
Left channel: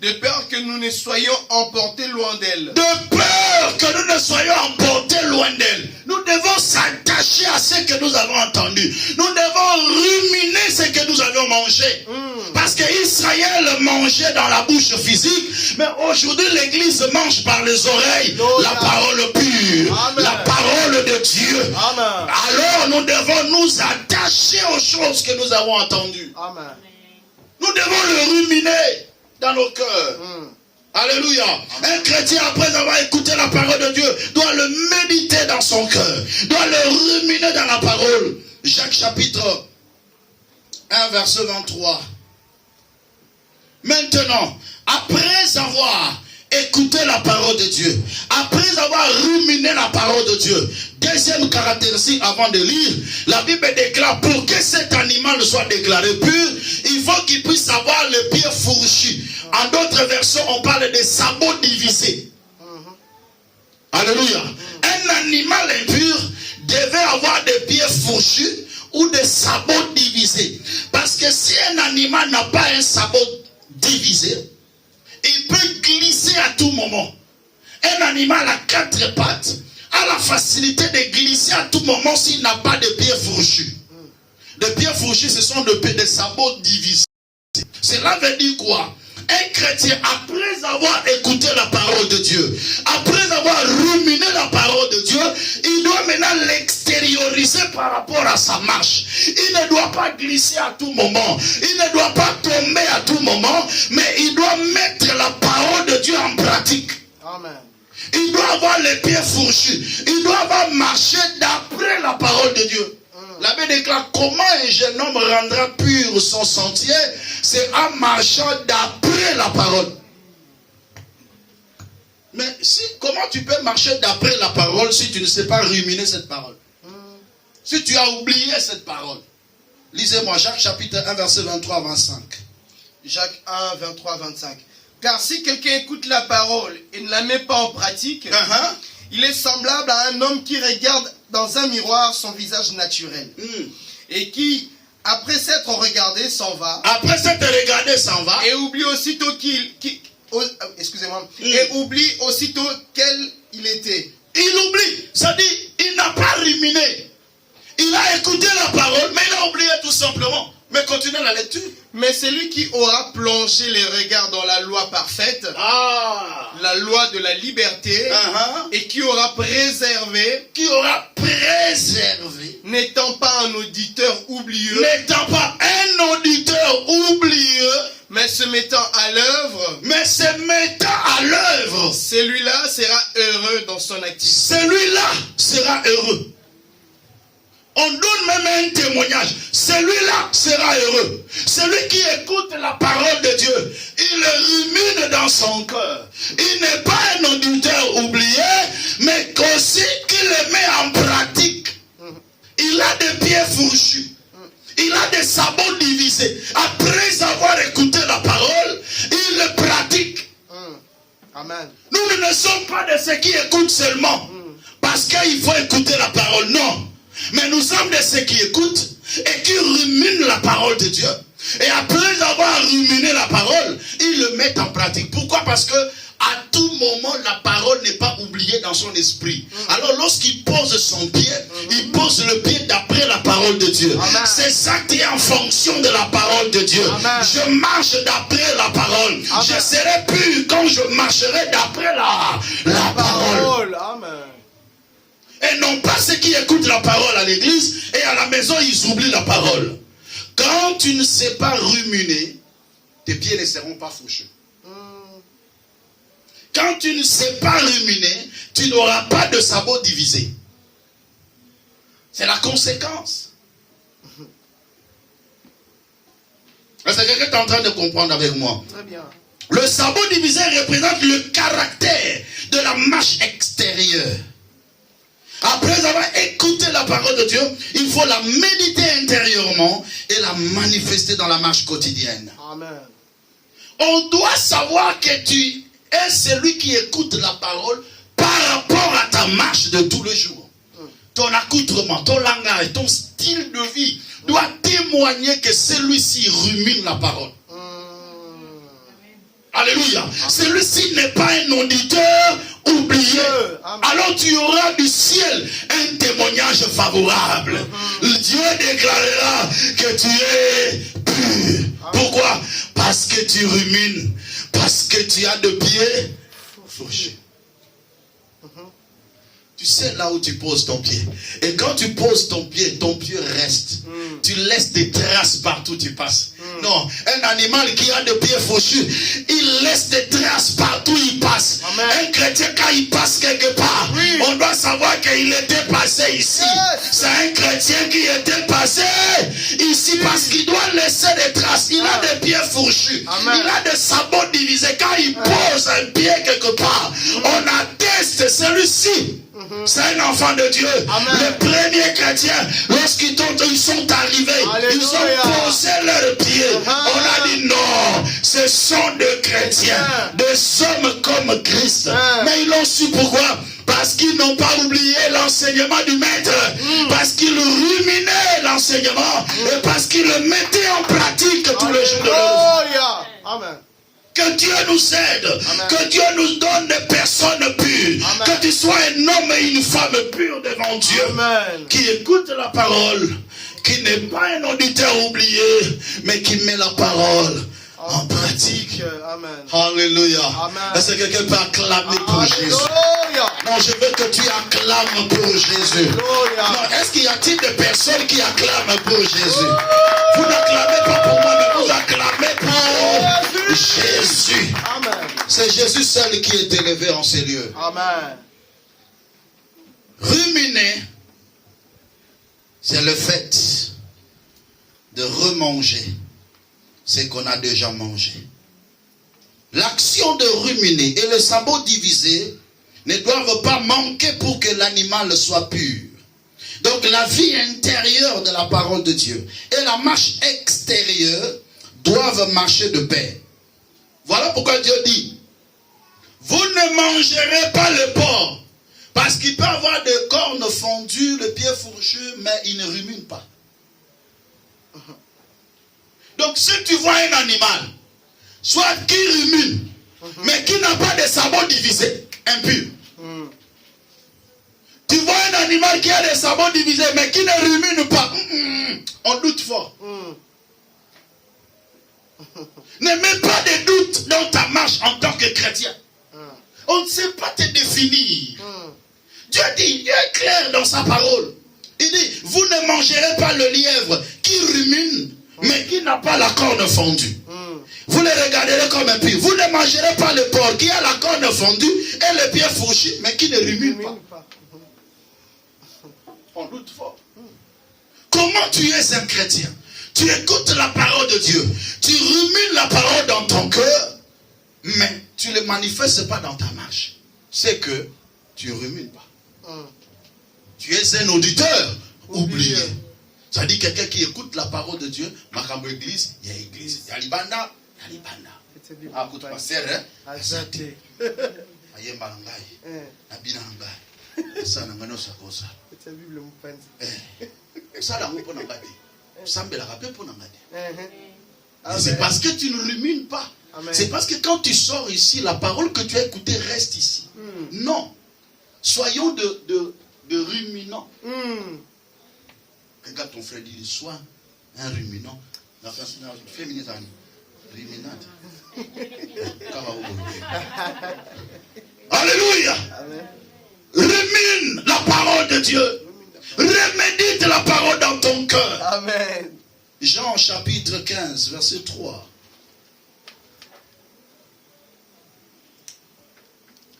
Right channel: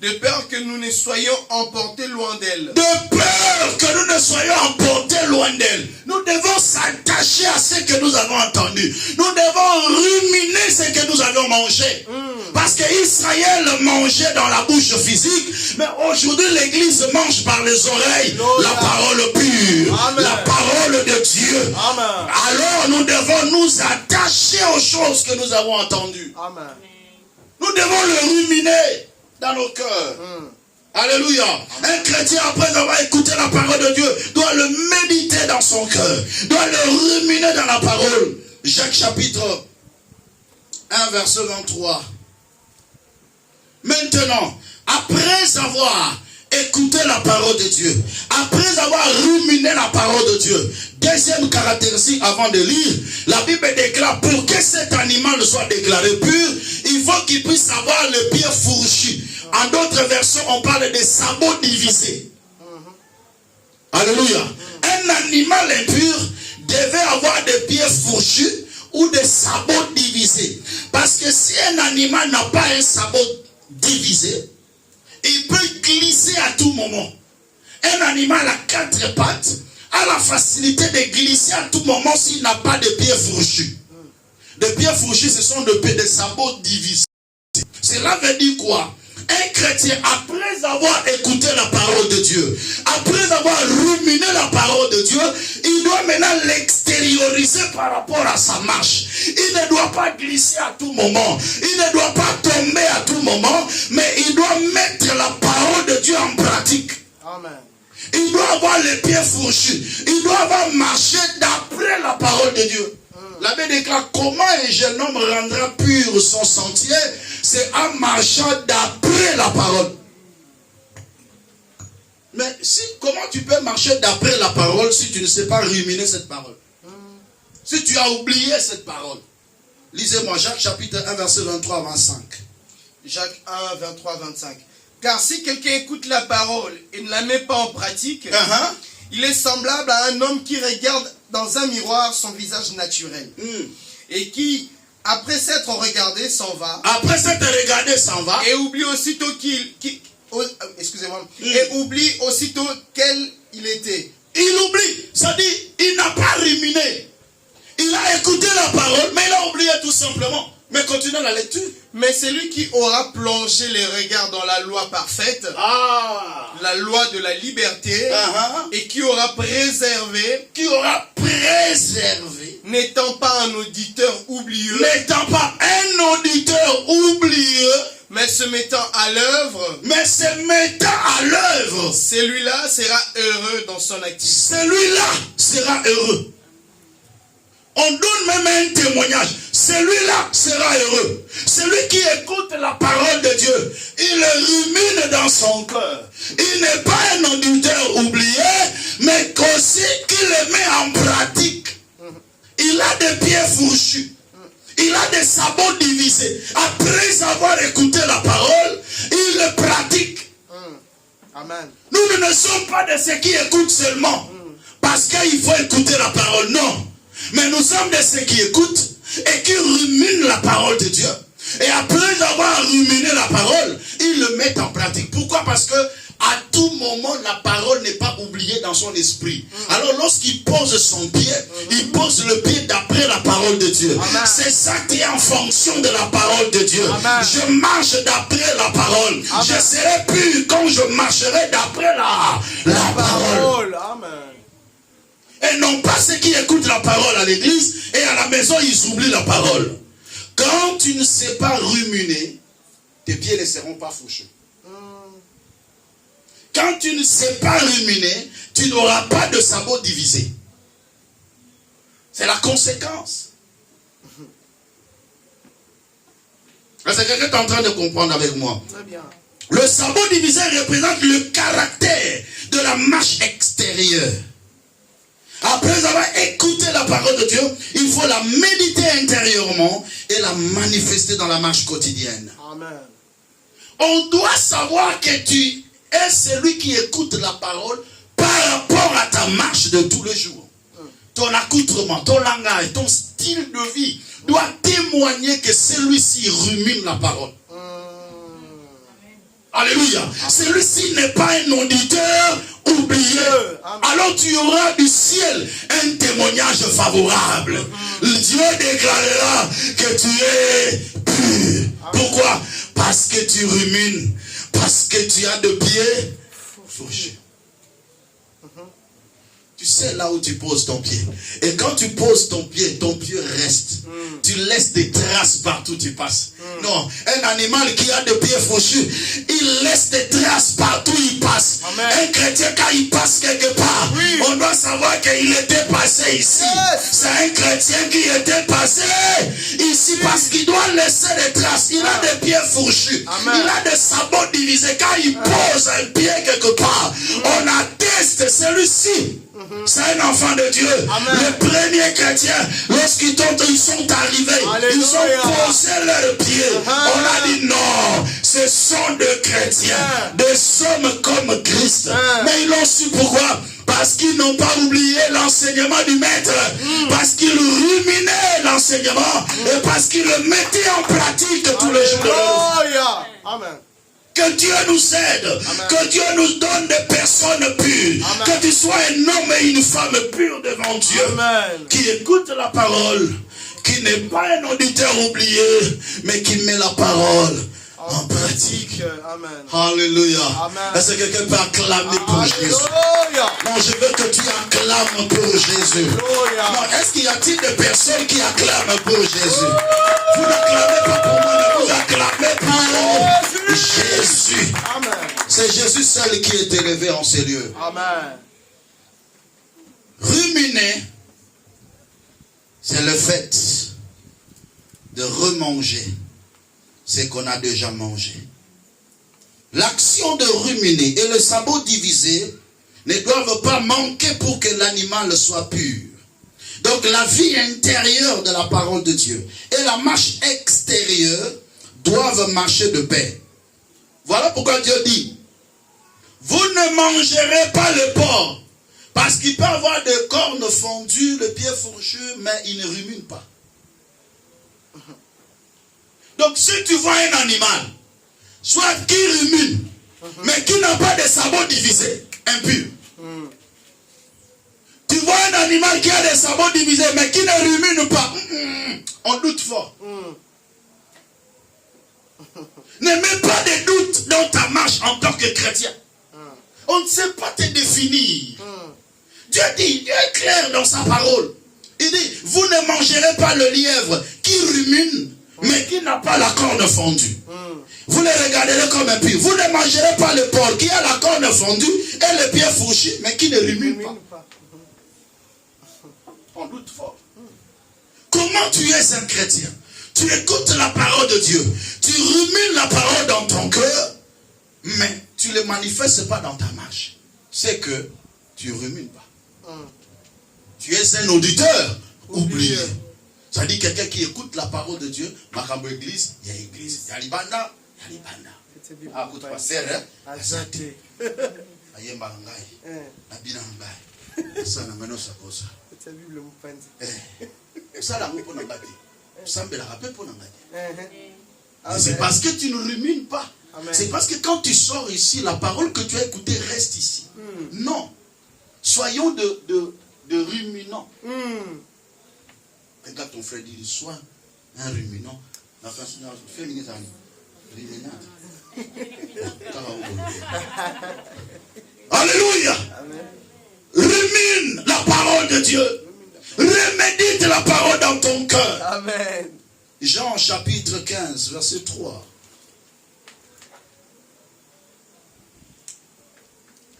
De peur que nous ne soyons emportés loin d'elle. De peur que nous ne soyons emportés loin d'elle. Nous devons s'attacher à ce que nous avons entendu. Nous devons ruminer ce que nous avons mangé. Parce qu'Israël mangeait dans la bouche physique. Mais aujourd'hui l'église mange par les oreilles. La parole pure. Amen. La parole de Dieu. Amen. Alors nous devons nous attacher aux choses que nous avons entendues. Amen. Nous devons le ruminer dans nos cœurs. Alléluia. Un chrétien, après avoir écouté la parole de Dieu, doit le méditer dans son cœur, doit le ruminer dans la parole. Jacques chapitre 1 verset 23. Maintenant, après avoir écouté la parole de Dieu, après avoir ruminé la parole de Dieu, deuxième caractéristique avant de lire, la Bible déclare pour que cet animal soit déclaré pur, il faut qu'il puisse avoir les pieds fourchus. En d'autres versions, on parle de sabots divisés. Alléluia. Un animal impur devait avoir des pieds fourchus ou des sabots divisés. Parce que si un animal n'a pas un sabot divisé, il peut glisser à tout moment. Un animal à 4 pattes a la facilité de glisser à tout moment s'il n'a pas de pieds fourchus. Des pieds fourchus, ce sont des sabots divisés. Cela veut dire quoi? Un chrétien, après avoir écouté la parole de Dieu, après avoir ruminé la parole de Dieu, il doit maintenant l'extérioriser par rapport à sa marche. Il ne doit pas glisser à tout moment. Il ne doit pas tomber à tout moment, mais il doit mettre la parole de Dieu en pratique. Amen. Il doit avoir les pieds fourchus. Il doit avoir marché d'après la parole de Dieu. L'abbé déclare comment un jeune homme rendra pur son sentier, c'est en marchant d'après la parole. Mais comment tu peux marcher d'après la parole si tu ne sais pas ruminer cette parole? Si tu as oublié cette parole. Lisez-moi Jacques chapitre 1 verset 23 à 25. Jacques 1 23 25. Car si quelqu'un écoute la parole et ne la met pas en pratique, il est semblable à un homme qui regarde dans un miroir son visage naturel. Et qui, après s'être regardé, s'en va. Après s'être regardé, s'en va. Et oublie aussitôt et oublie aussitôt quel il était. Il oublie. Ça dit, il n'a pas ruminé. Il a écouté la parole, mais il a oublié tout simplement. Mais continuez la lecture. Mais celui qui aura plongé les regards dans la loi parfaite, la loi de la liberté, et qui aura préservé, n'étant pas un auditeur oublieux, mais se mettant à l'œuvre, celui-là sera heureux dans son activité. Celui-là sera heureux. On donne même un témoignage. celui-là sera heureux. Celui qui écoute la parole de Dieu, il le rumine dans son cœur. Il n'est pas un auditeur oublié, mais qu'aussi qu'il le met en pratique. Il a des pieds fourchus. Il a des sabots divisés. Après avoir écouté la parole, il le pratique. Amen. Nous ne sommes pas de ceux qui écoutent seulement parce qu'il faut écouter la parole. Non. Mais nous sommes de ceux qui écoutent et qui ruminent la parole de Dieu. Et après avoir ruminé la parole, ils le mettent en pratique. Pourquoi? Parce que à tout moment, la parole n'est pas oubliée dans son esprit. Alors lorsqu'il pose son pied, il pose le pied d'après la parole de Dieu. C'est ça qui est en fonction de la parole de Dieu. Amen. Je marche d'après la parole. Amen. Je serai pur quand je marcherai d'après la parole. Amen. Et non pas ceux qui écoutent la parole à l'église et à la maison, ils oublient la parole. Quand tu ne sais pas ruminer, tes pieds ne seront pas fauchés. Quand tu ne sais pas ruminer, tu n'auras pas de sabots divisés. C'est la conséquence. Est-ce que quelqu'un est en train de comprendre avec moi? Très bien. Le sabot divisé représente le caractère de la marche extérieure. Après avoir écouté la parole de Dieu, il faut la méditer intérieurement et la manifester dans la marche quotidienne. Amen. On doit savoir que tu es celui qui écoute la parole par rapport à ta marche de tous les jours. Ton accoutrement, ton langage, ton style de vie doit témoigner que celui-ci rumine la parole. Alléluia. Celui-ci n'est pas un auditeur oublié. Alors tu auras du ciel un témoignage favorable. Dieu déclarera que tu es pur. Pourquoi? Parce que tu rumines. Parce que tu as de pieds fourchus. Tu sais là où tu poses ton pied. Et quand tu poses ton pied reste. Tu laisses des traces partout où tu passes. Non, un animal qui a de pieds fourchus, il laisse des traces partout où il passe. Amen. Un chrétien, quand il passe quelque part, on doit savoir qu'il était passé ici. C'est un chrétien qui était passé ici parce qu'il doit laisser des traces. Il a des pieds fourchus. Amen. Il a des sabots divisés. Quand il pose un pied quelque part, on atteste celui-ci. C'est un enfant de Dieu. Amen. Le premier chrétien, lorsqu'ils sont arrivés, Alléluia. ils ont posé leurs pieds. On a dit non, ce sont des chrétiens, des hommes comme Christ. Mais ils l'ont su pourquoi? Parce qu'ils n'ont pas oublié l'enseignement du maître. Parce qu'ils ruminaient l'enseignement. Et parce qu'ils le mettaient en pratique tous les jours de leur vie. Amen. Que Dieu nous aide. Amen. Que Dieu nous donne des personnes pures. Amen. Que tu sois un homme et une femme pure devant Dieu. Amen. Qui écoute la parole. Qui n'est pas un auditeur oublié. Mais qui met la parole en pratique. Amen. Alléluia. Amen. Est-ce que quelqu'un peut acclamer pour Jésus? Alléluia. Non, je veux que tu acclames pour Jésus. Alléluia. Non, est-ce qu'il y a-t-il des personnes qui acclament pour Jésus? Vous n'acclamez pas pour moi, mais vous acclamez pour Jésus. Amen. C'est Jésus seul qui est élevé en ces lieux. Amen. Ruminer, c'est le fait de remanger ce qu'on a déjà mangé. L'action de ruminer et le sabot divisé ne doivent pas manquer pour que l'animal soit pur. Donc la vie intérieure de la parole de Dieu et la marche extérieure doivent marcher de pair. Voilà pourquoi Dieu dit, vous ne mangerez pas le porc, parce qu'il peut avoir des cornes fondues, le pied fourchu, mais il ne rumine pas. Donc si tu vois un animal, soit qui rumine, mais qui n'a pas de sabots divisés, impur. Tu vois un animal qui a des sabots divisés, mais qui ne rumine pas, on doute fort. Ne mets pas de doute dans ta marche en tant que chrétien. On ne sait pas te définir. Dieu dit, Dieu est clair dans sa parole. Il dit, vous ne mangerez pas le lièvre qui rumine, mais qui n'a pas la corne fondue. Vous le regarderez comme un pied. Vous ne mangerez pas le porc qui a la corne fondue et le pied fourchu, mais qui ne rumine pas. On doute fort. comment tu es un chrétien? Tu écoutes la parole de Dieu. Tu rumines la parole dans ton cœur, mais tu ne le manifestes pas dans ta marche. C'est que tu ne rumines pas. Tu es un auditeur oublié. Ça dit quelqu'un qui écoute la parole de Dieu, Makambo église, il y a église. Talibana, Talibana. Ah, écoute pas, c'est vrai. Azate. Aye malangai. Abinangai. Ça n'a pas ça cause. C'est la Bible mupandi. Ça n'a pas n'angati. Ça me l'a rappelé pour n'angati. C'est parce que tu ne rumines pas. C'est parce que quand tu sors ici, la parole que tu as écoutée reste ici. Non. Soyons de ruminants. Regarde ton frère dit, sois un ruminant. La féminine, ruminante. Alléluia. Amen. Rumine la parole de Dieu. Remédite la parole dans ton cœur. Amen. Jean chapitre 15, verset 3.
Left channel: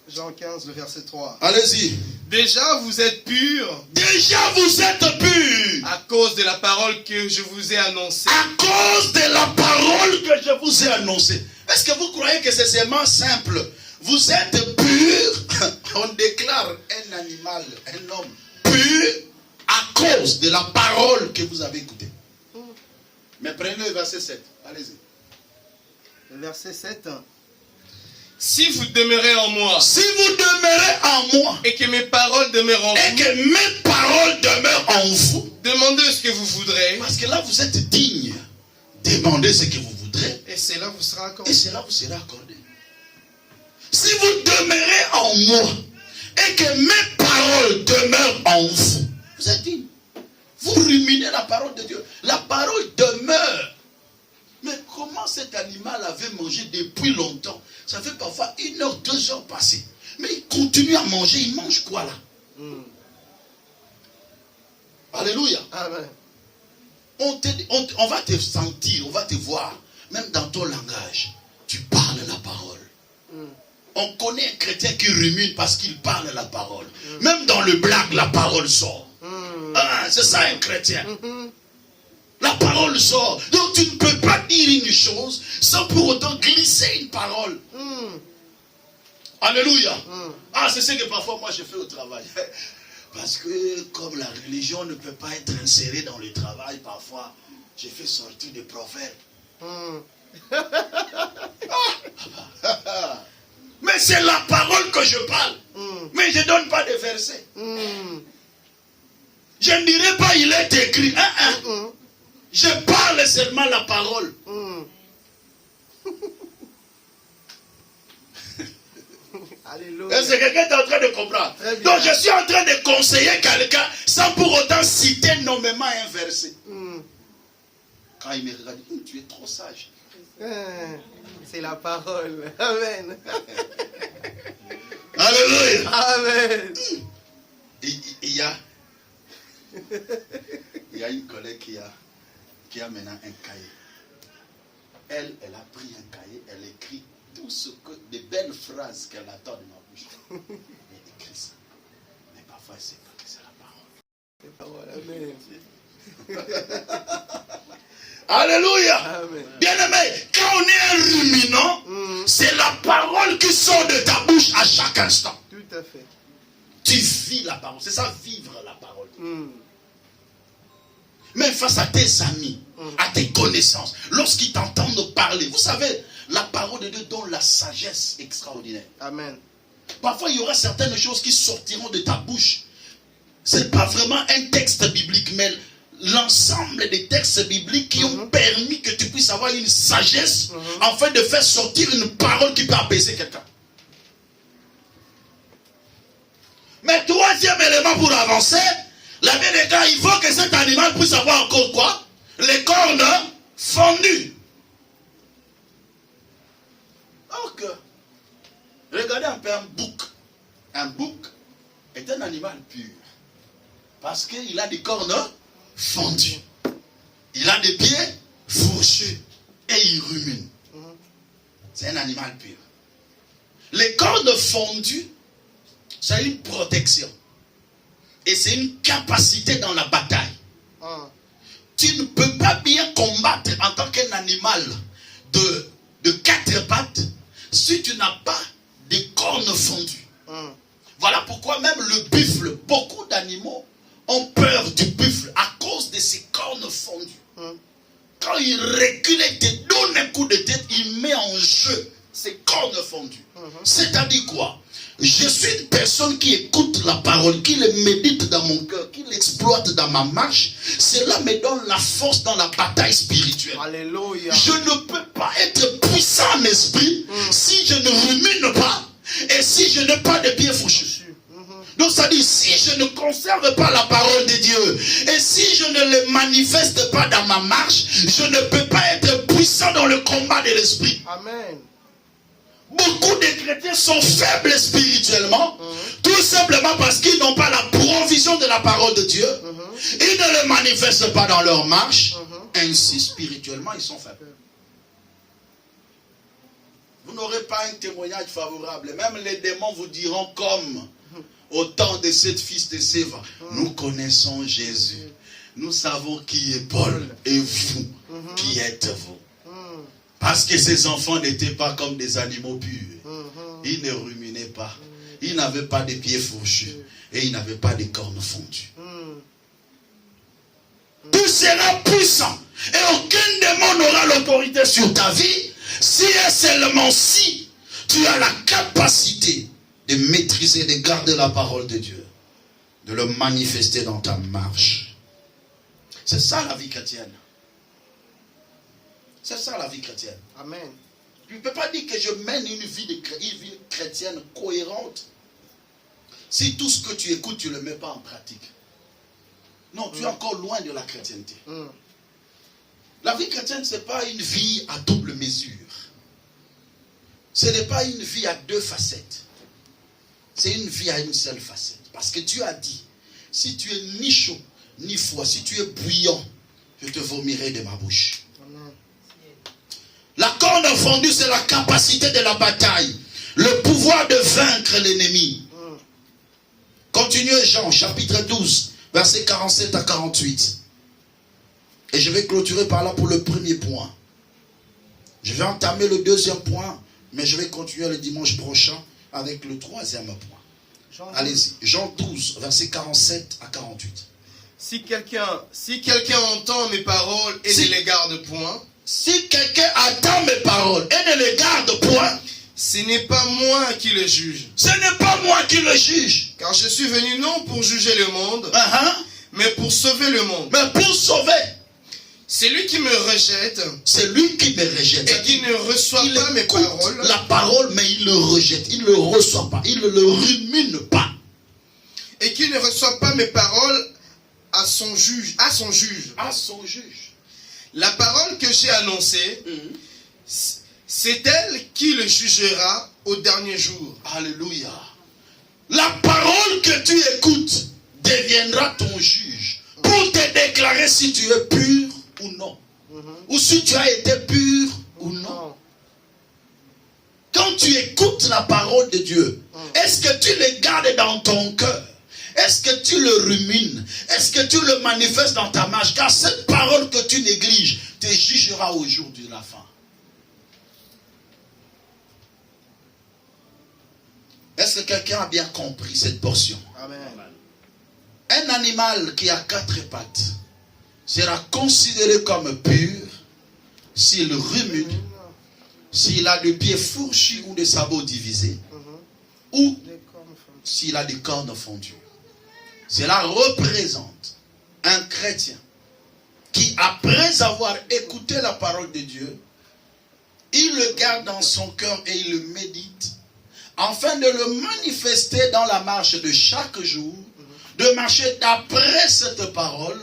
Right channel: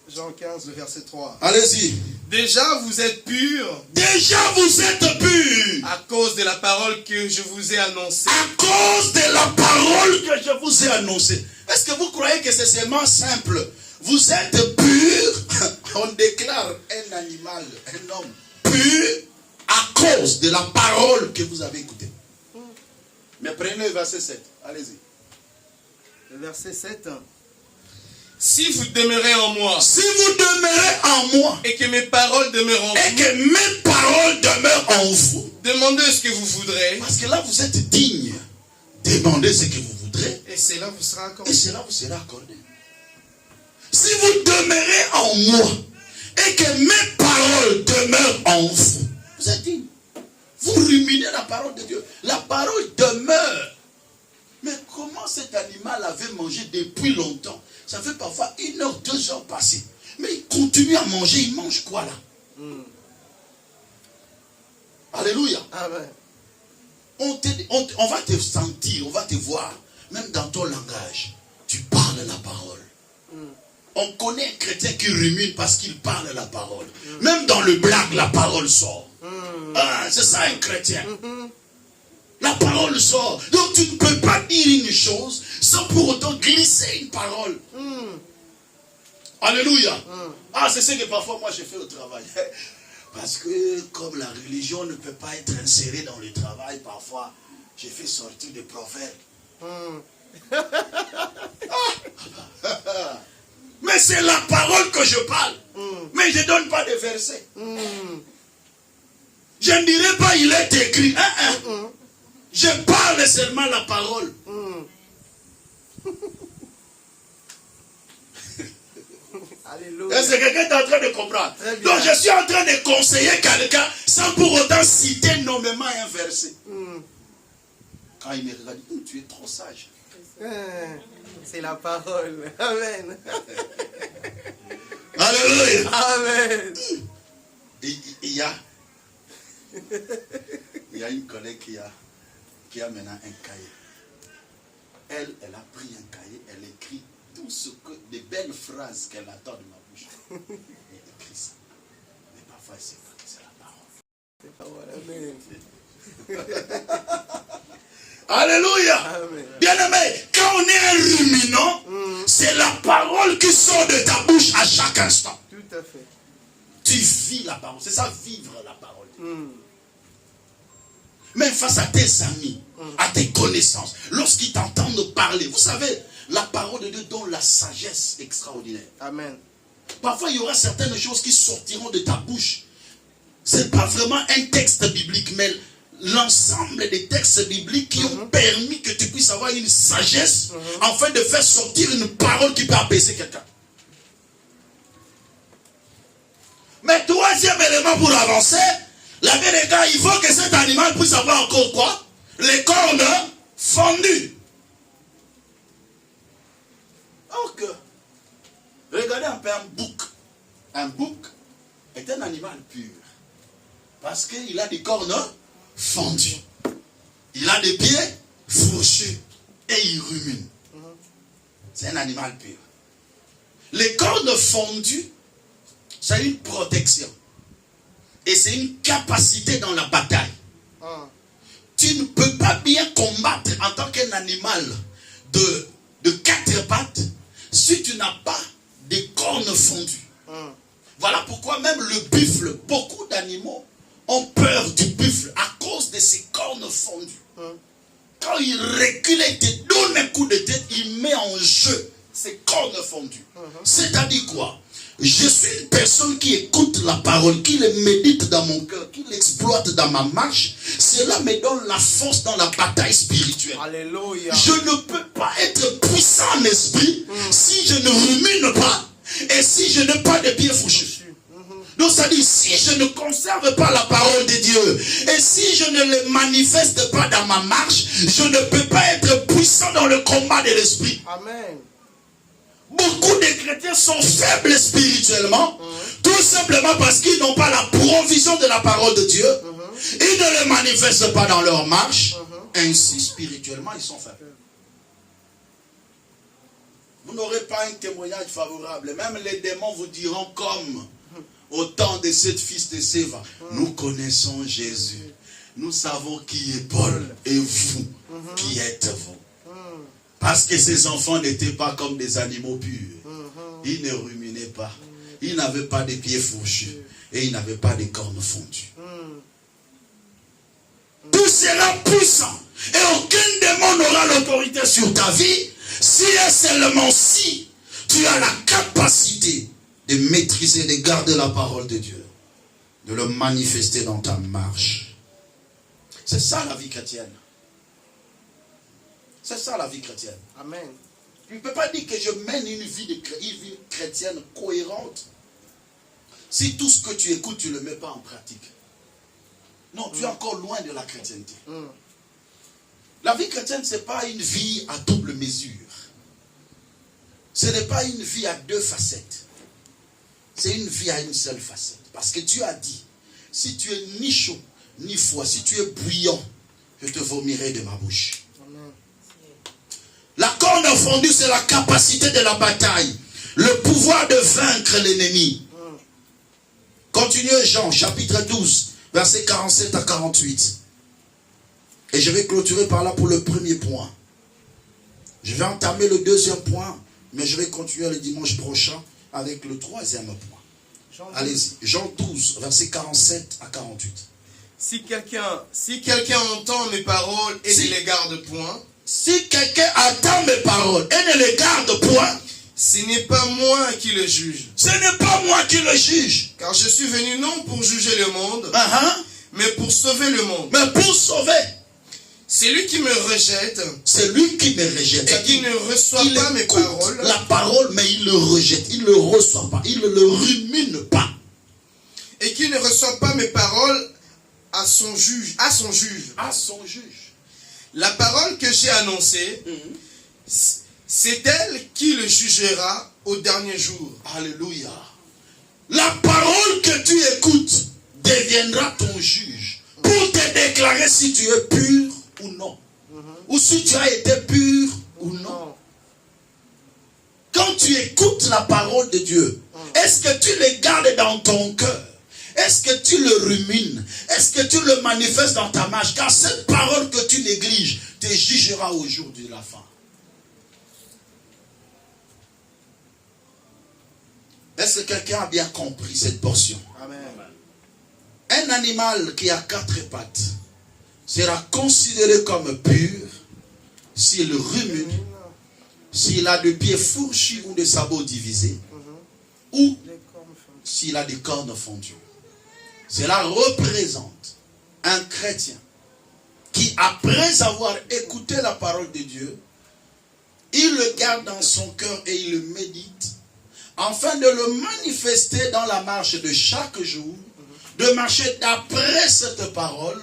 Jean 15, le verset 3. Allez-y. Déjà vous êtes purs. Déjà vous êtes purs. À cause de la parole que je vous ai annoncée. À cause de la parole que je vous ai annoncée. Est-ce que vous croyez que c'est seulement simple? Vous êtes purs. On déclare un animal, un homme pur à cause de la parole que vous avez écoutée. Mais prenez le verset 7. Allez-y. Le verset 7. Si vous demeurez en moi. Si vous demeurez en moi. Et que mes paroles demeurent en vous. Et que mes paroles demeurent en vous. Demandez ce que vous voudrez. Parce que là vous êtes digne. Demandez ce que vous voudrez. Et cela vous sera accordé. Et cela vous sera accordé. Si vous demeurez en moi. Et que mes paroles demeurent en vous. Vous êtes digne. Vous ruminez la parole de Dieu. La parole demeure. Mais comment cet animal avait mangé depuis longtemps? Ça fait parfois 1 heure, 2 heures passées. Mais il continue à manger. Il mange quoi là? Alléluia. Amen. On va te sentir, on va te voir. Même dans ton langage, tu parles la parole. On connaît un chrétien qui rumine parce qu'il parle la parole. Même dans le blague, la parole sort. Ah, c'est ça un chrétien. La parole sort. Donc tu ne peux pas dire une chose sans pour autant glisser une parole. Alléluia. Ah, c'est ce que parfois moi je fais au travail. Parce que comme la religion ne peut pas être insérée dans le travail, parfois je fais sortir des proverbes. Mais c'est la parole que je parle. Mais je ne donne pas de versets. Je ne dirai pas il est écrit. Je parle seulement la parole. Alléluia. Est-ce que quelqu'un est en train de comprendre? Donc je suis en train de conseiller quelqu'un sans pour autant citer nommément un verset. Quand il me regarde, il dit, tu es trop sage. C'est la parole. Amen. Alléluia. Amen. Il y a une collègue qui a maintenant un cahier. Elle a pris un cahier, elle écrit tout ce que, des belles phrases qu'elle attend de ma bouche. Elle écrit ça. Mais parfois, elle ne sait pas que c'est la parole. C'est la parole. Amen. Alléluia. Amen. Bien-aimé, quand on est un ruminant, c'est la parole qui sort de ta bouche à chaque instant. Tout à fait. Tu vis la parole. C'est ça, vivre la parole. Même face à tes amis, à tes connaissances, lorsqu'ils t'entendent parler, vous savez, la parole de Dieu donne la sagesse extraordinaire. Amen. Parfois, il y aura certaines choses qui sortiront de ta bouche. Ce n'est pas vraiment un texte biblique, mais l'ensemble des textes bibliques qui ont permis que tu puisses avoir une sagesse afin de faire sortir une parole qui peut apaiser quelqu'un. Mais troisième élément pour avancer, la vie des gars, il faut que cet animal puisse avoir encore quoi? Les cornes fendues. Donc, regardez un peu un bouc. Un bouc est un animal pur. Parce qu'il a des cornes fendues. Il a des pieds fourchus. Et il rumine. C'est un animal pur. Les cornes fondues, c'est une protection. Et c'est une capacité dans la bataille. tu ne peux pas bien combattre en tant qu'un animal de 4 pattes si tu n'as pas de cornes fondues. Voilà pourquoi même le buffle, beaucoup d'animaux ont peur du buffle à cause de ses cornes fondues. Quand il recule et te donne un coup de tête, il met en jeu ses cornes fondues. C'est-à-dire quoi? Je suis une personne qui écoute la parole, qui le médite dans mon cœur, qui l'exploite dans ma marche. Cela me donne la force dans la bataille spirituelle. Alléluia. Je ne peux pas être puissant en esprit si je ne rumine pas et si je n'ai pas de pieds fourchus. Donc ça dit, si je ne conserve pas la parole de Dieu et si je ne le manifeste pas dans ma marche, je ne peux pas être puissant dans le combat de l'esprit. Amen. Beaucoup de chrétiens sont faibles spirituellement, tout simplement parce qu'ils n'ont pas la provision de la parole de Dieu. Ils ne le manifestent pas dans leur marche. Ainsi, spirituellement, ils sont faibles. Vous n'aurez pas un témoignage favorable. Même les démons vous diront comme au temps de cette fils de Séva. Nous connaissons Jésus. Nous savons qui est Paul et vous, qui êtes-vous. Parce que ces enfants n'étaient pas comme des animaux purs. Ils ne ruminaient pas. Ils n'avaient pas de pieds fourchus. Et ils n'avaient pas de cornes fondues. Tout sera puissant. Et aucun démon n'aura l'autorité sur ta vie si et seulement si tu as la capacité de maîtriser, de garder la parole de Dieu. De le manifester dans ta marche. C'est ça la vie chrétienne. C'est ça la vie chrétienne. Amen. Tu ne peux pas dire que je mène une vie chrétienne cohérente si tout ce que tu écoutes, tu ne le mets pas en pratique. Non, tu es encore loin de la chrétienté. La vie chrétienne, ce n'est pas une vie à double mesure. Ce n'est pas une vie à 2 facettes. C'est une vie à une seule facette. Parce que Dieu a dit, si tu es ni chaud, ni froid, si tu es bouillant, je te vomirai de ma bouche. La corne fondue, c'est la capacité de la bataille. Le pouvoir de vaincre l'ennemi. Continuez Jean, chapitre 12, versets 47 à 48. Et je vais clôturer par là pour le premier point. Je vais entamer le deuxième point, mais je vais continuer le dimanche prochain avec le troisième point. Allez-y, Jean 12, versets 47 à 48. Si quelqu'un entend mes paroles et ne les garde point, si quelqu'un attend mes paroles et ne les garde point, ce n'est pas moi qui le juge. Ce n'est pas moi qui le juge. Car je suis venu non pour juger le monde, mais pour sauver le monde. Mais pour sauver. C'est lui qui me rejette. C'est lui qui me rejette. Et qui ne reçoit pas mes paroles. La parole, mais il le rejette. Il ne le reçoit pas. Il ne le rumine pas. Et qui ne reçoit pas mes paroles à son juge. À son juge. À son juge. La parole que j'ai annoncée, c'est elle qui le jugera au dernier jour. Alléluia. La parole que tu écoutes deviendra ton juge pour te déclarer si tu es pur ou non. Ou si tu as été pur ou non. Quand tu écoutes la parole de Dieu, est-ce que tu le gardes dans ton cœur? Est-ce que tu le rumines? Est-ce que tu le manifestes dans ta marche? Car cette parole que tu négliges te jugera au jour de la fin. Est-ce que quelqu'un a bien compris cette portion? Amen. Un animal qui a 4 pattes sera considéré comme pur s'il rumine, s'il a des pieds fourchus ou des sabots divisés, ou s'il a des cornes fondues. Cela représente un chrétien qui, après avoir écouté la parole de Dieu, il le garde dans son cœur et il le médite, afin de le manifester dans la marche de chaque jour, de marcher d'après cette parole,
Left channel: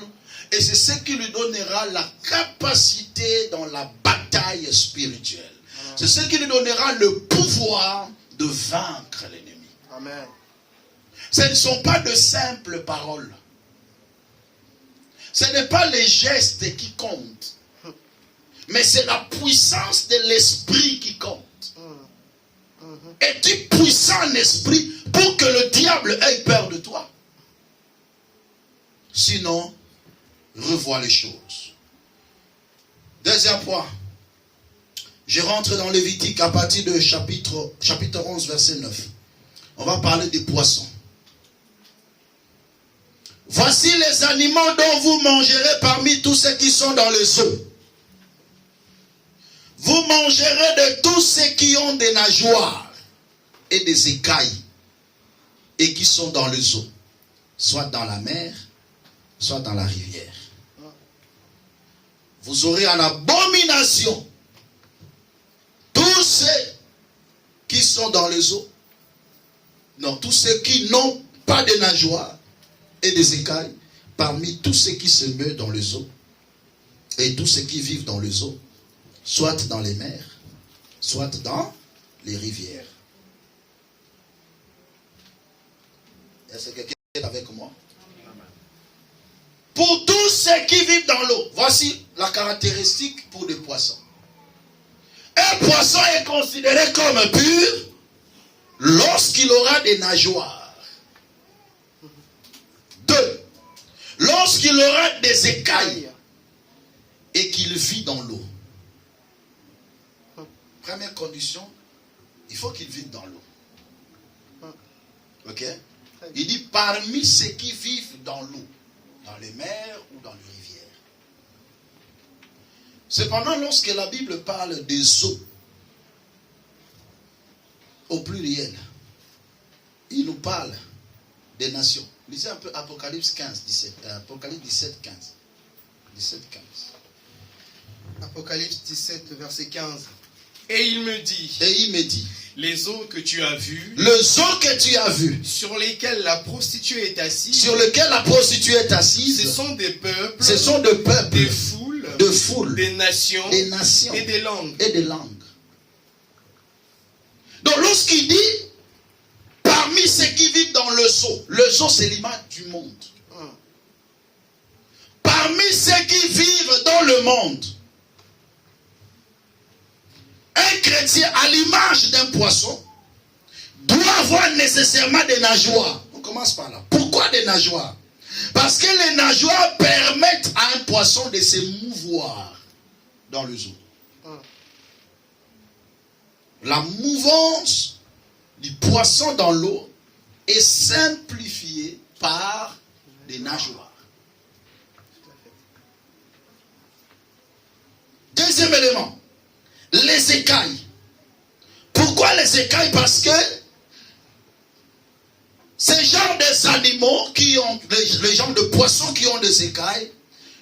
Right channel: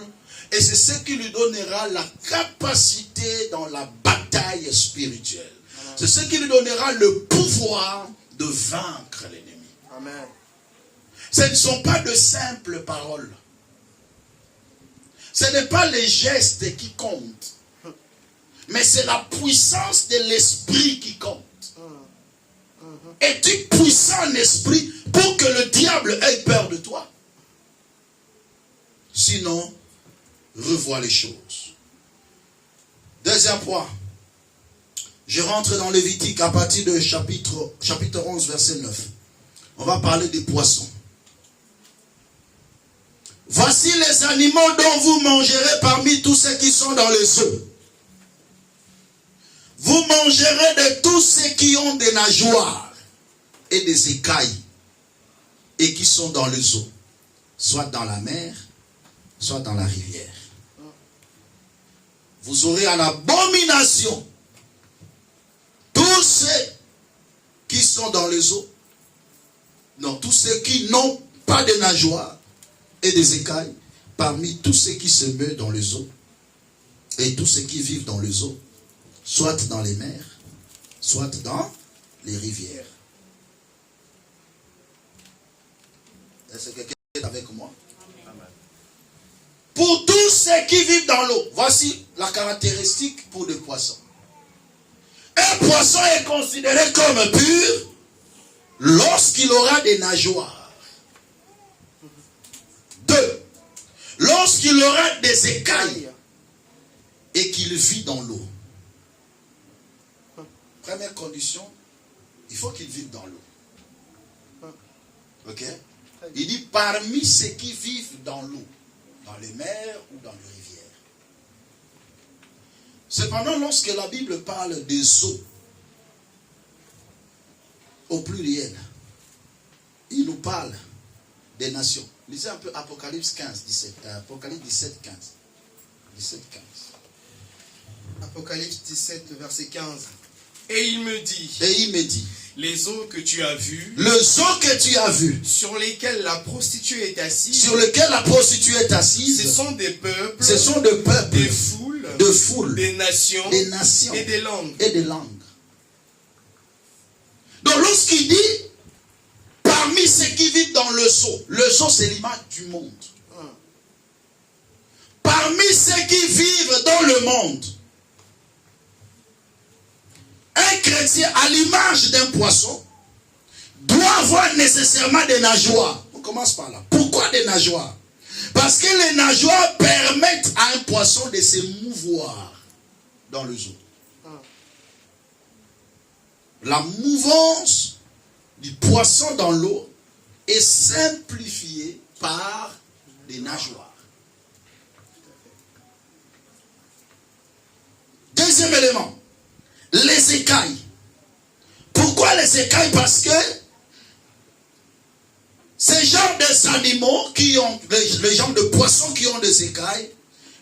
et c'est ce qui lui donnera la capacité dans la bataille spirituelle. C'est ce qui lui donnera le pouvoir de vaincre l'ennemi. Amen. Ce ne sont pas de simples paroles. Ce n'est pas les gestes qui comptent. Mais c'est la puissance de l'esprit qui compte. Es-tu puissant en esprit pour que le diable ait peur de toi? Sinon, revois les choses. Deuxième point. Je rentre dans Lévitique à partir de chapitre 11, verset 9. On va parler des poissons. Voici les animaux dont vous mangerez parmi tous ceux qui sont dans les eaux. Vous mangerez de tous ceux qui ont des nageoires et des écailles et qui sont dans les eaux, soit dans la mer, soit dans la rivière. Vous aurez en abomination tous ceux qui sont dans les eaux, non, tous ceux qui n'ont pas de nageoires et des écailles, parmi tous ceux qui se meuvent dans les eaux, et tous ceux qui vivent dans les eaux, soit dans les mers, soit dans les rivières. Est-ce que quelqu'un est avec moi? Pour tous ceux qui vivent dans l'eau, voici la caractéristique pour des poissons. Un poisson est considéré comme pur lorsqu'il aura des nageoires. 2. Lorsqu'il aura des écailles et qu'il vit dans l'eau. Première condition, il faut qu'il vive dans l'eau. Ok? Il dit parmi ceux qui vivent dans l'eau, dans les mers ou dans les rivières. Cependant, lorsque la Bible parle des eaux, au pluriel, il nous parle des nations. Lisez un peu Apocalypse 15, 17. Apocalypse 17, 15. 17, 15. Apocalypse 17, le verset 15. Et il me dit, les eaux que tu as vues, sur lesquelles la prostituée est assise, ce sont des peuples, des foules, des nations et des langues. Donc lorsqu'il dit parmi ceux qui vivent dans le zoo c'est l'image du monde. Parmi ceux qui vivent dans le monde, un chrétien à l'image d'un poisson doit avoir nécessairement des nageoires. On commence par là. Pourquoi des nageoires? Parce que les nageoires permettent à un poisson de se mouvoir dans le zoo. La mouvance du poisson dans l'eau est simplifiée par des nageoires. Deuxième élément, les écailles. Pourquoi les écailles? Parce que ces genres d'animaux qui ont, les genres de poissons qui ont des écailles,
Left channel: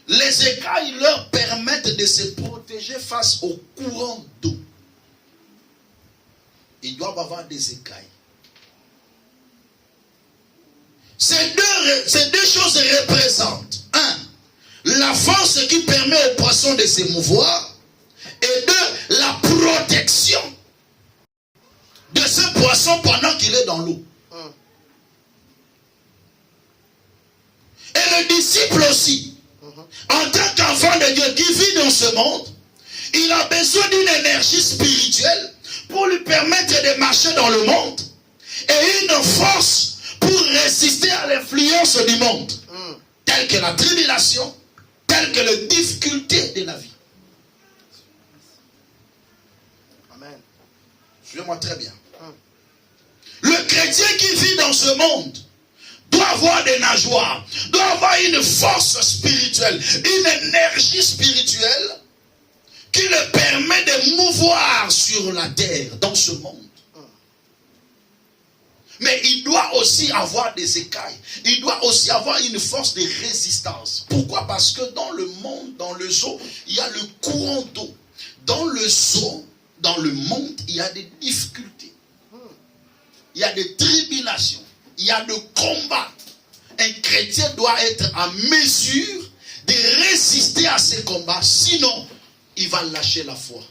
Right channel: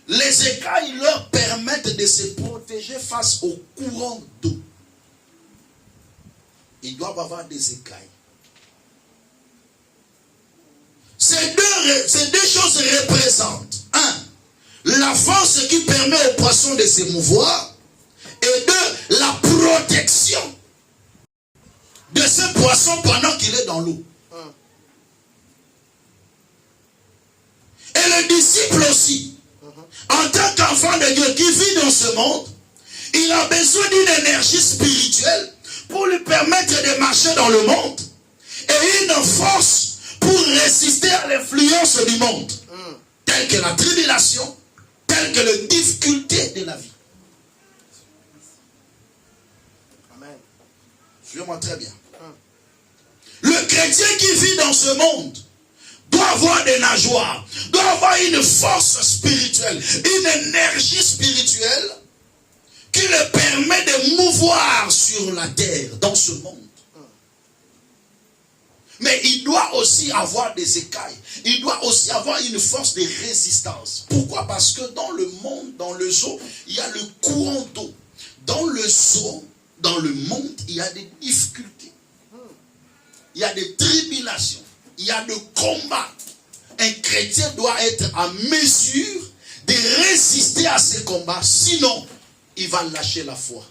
les écailles leur permettent de se protéger face au courant d'eau. Ils doivent avoir des écailles. Ces deux choses représentent, 1, la force qui permet au poisson de se mouvoir, et 2, la protection de ce poisson pendant qu'il est dans l'eau. Et le disciple aussi, en tant qu'enfant de Dieu qui vit dans ce monde, il a besoin d'une énergie spirituelle pour lui permettre de marcher dans le monde et une force pour résister à l'influence du monde, telle que la tribulation, telle que les difficultés de la vie. Amen. Suivez-moi très bien. Le chrétien qui vit dans ce monde doit avoir des nageoires, doit avoir une force spirituelle, une énergie spirituelle qui le permet de mouvoir sur la terre, dans ce monde. Mais il doit aussi avoir des écailles. Il doit aussi avoir une force de résistance. Pourquoi? Parce que dans le monde, dans le zoo, il y a le courant d'eau. Dans le zoo, dans le monde, il y a des difficultés. Il y a des tribulations. Il y a des combats. Un chrétien doit être en mesure de résister à ces combats. Sinon, il va lâcher la foi.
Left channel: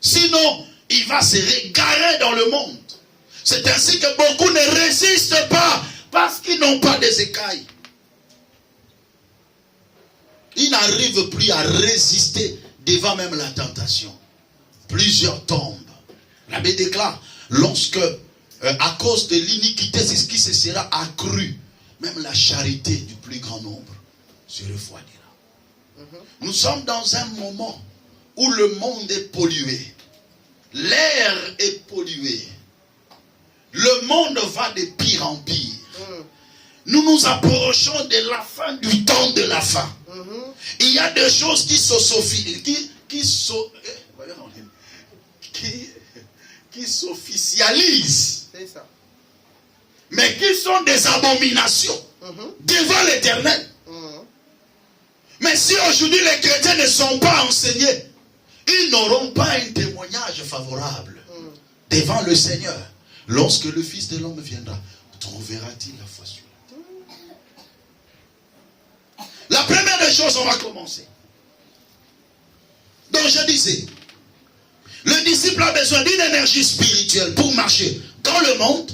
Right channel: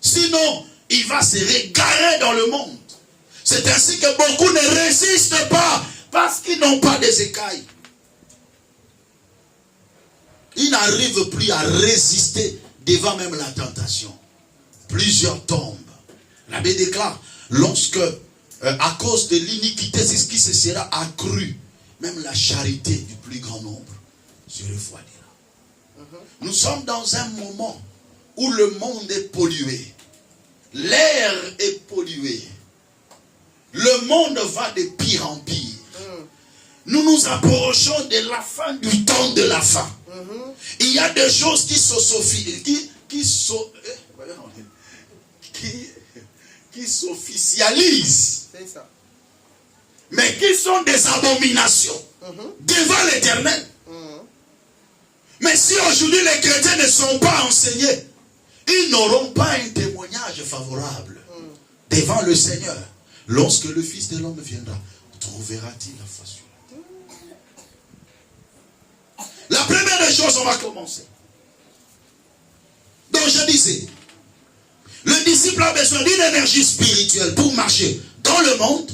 Sinon, il va se régarer dans le monde. C'est ainsi que beaucoup ne résistent pas parce qu'ils n'ont pas des écailles. Ils n'arrivent plus à résister devant même la tentation. Plusieurs tombent. La Bible déclare, lorsque, à cause de l'iniquité, c'est ce qui se sera accru, même la charité du plus grand nombre se refroidira. Nous sommes dans un moment où le monde est pollué. L'air est pollué. Le monde va de pire en pire. Nous nous approchons de la fin du temps de la fin. Il y a des choses qui s'officialisent. C'est ça. Mais qui sont des abominations devant l'Éternel. Mais si aujourd'hui les chrétiens ne sont pas enseignés, ils n'auront pas un témoignage favorable devant le Seigneur. Lorsque le Fils de l'homme viendra, trouvera-t-il la foi sur la terre? La première des choses, on va commencer. Donc je disais, le disciple a besoin d'une énergie spirituelle pour marcher dans le monde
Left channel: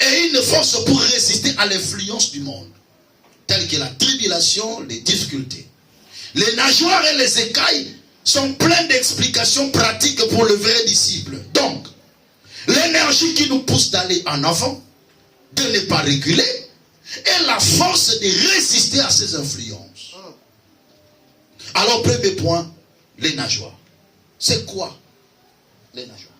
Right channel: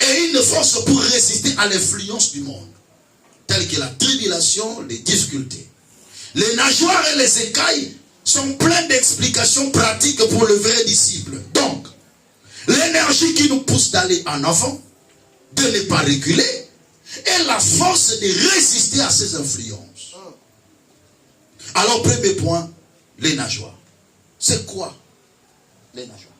et une force pour résister à l'influence du monde, telle que la tribulation, les difficultés. Les nageoires et les écailles sont pleins d'explications pratiques pour le vrai disciple. Donc, l'énergie qui nous pousse d'aller en avant, de ne pas reculer, et la force de résister à ces influences. Alors, premier point, les nageoires. C'est quoi les nageoires?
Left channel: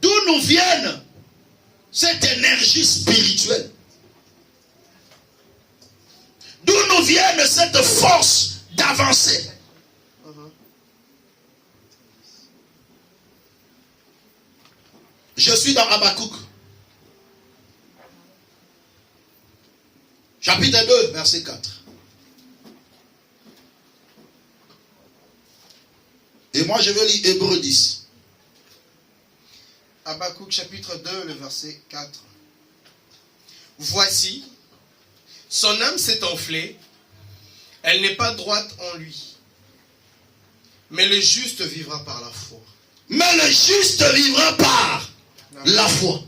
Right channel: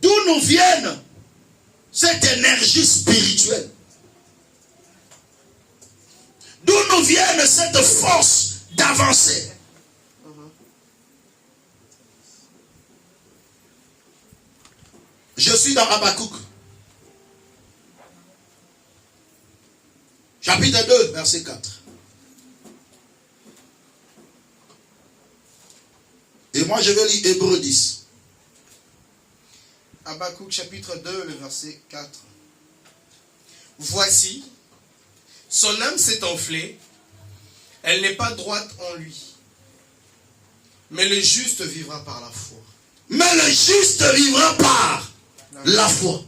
D'où nous viennent cette énergie spirituelle? D'où nous viennent cette force d'avancer? Je suis dans Habakkuk. Chapitre 2, verset 4. Et moi je vais lire Hébreux 10. Habakkuk chapitre 2, le verset 4. Voici, son âme s'est enflée, elle n'est pas droite en lui. Mais le juste vivra par la foi. Mais le juste vivra par la foi.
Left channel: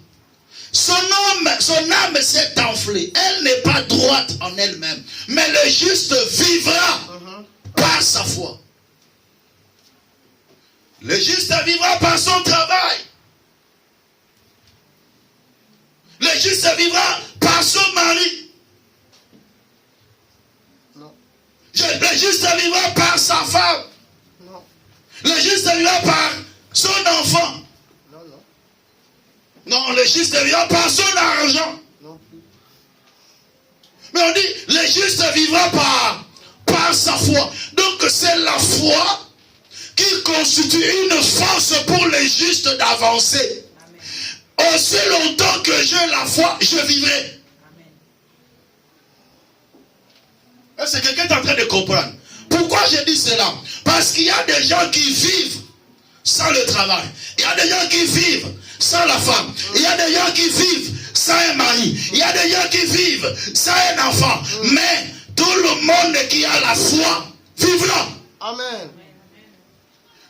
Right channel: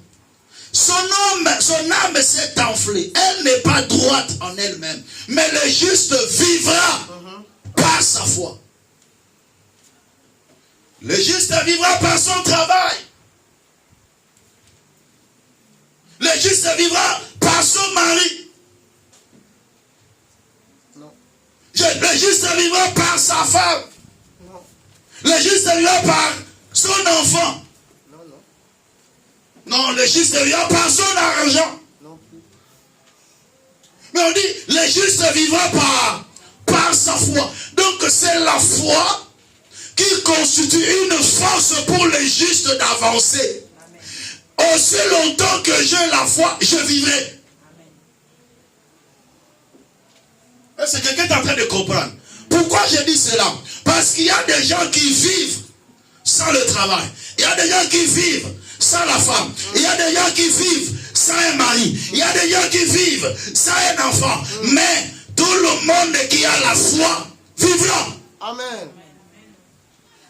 Son âme s'est enflée, elle n'est pas droite en elle-même. Mais le juste vivra par sa foi. Le juste vivra par son travail. Le juste vivra par son mari. Non. Le juste vivra par sa femme. Non. Le juste vivra par son enfant. Non, non. Non, le juste vivra par son argent. Non plus. Mais on dit, le juste vivra par sa foi. Donc c'est la foi qui constitue une force pour le juste d'avancer. Aussi longtemps que j'ai la foi, je vivrai. Est-ce que quelqu'un est en train de comprendre? Pourquoi je dis cela? Parce qu'il y a des gens qui vivent sans le travail. Il y a des gens qui vivent sans la femme. Il y a des gens qui vivent sans un mari. Il y a des gens qui vivent sans un enfant. Mais tout le monde qui a la foi vivra. Amen.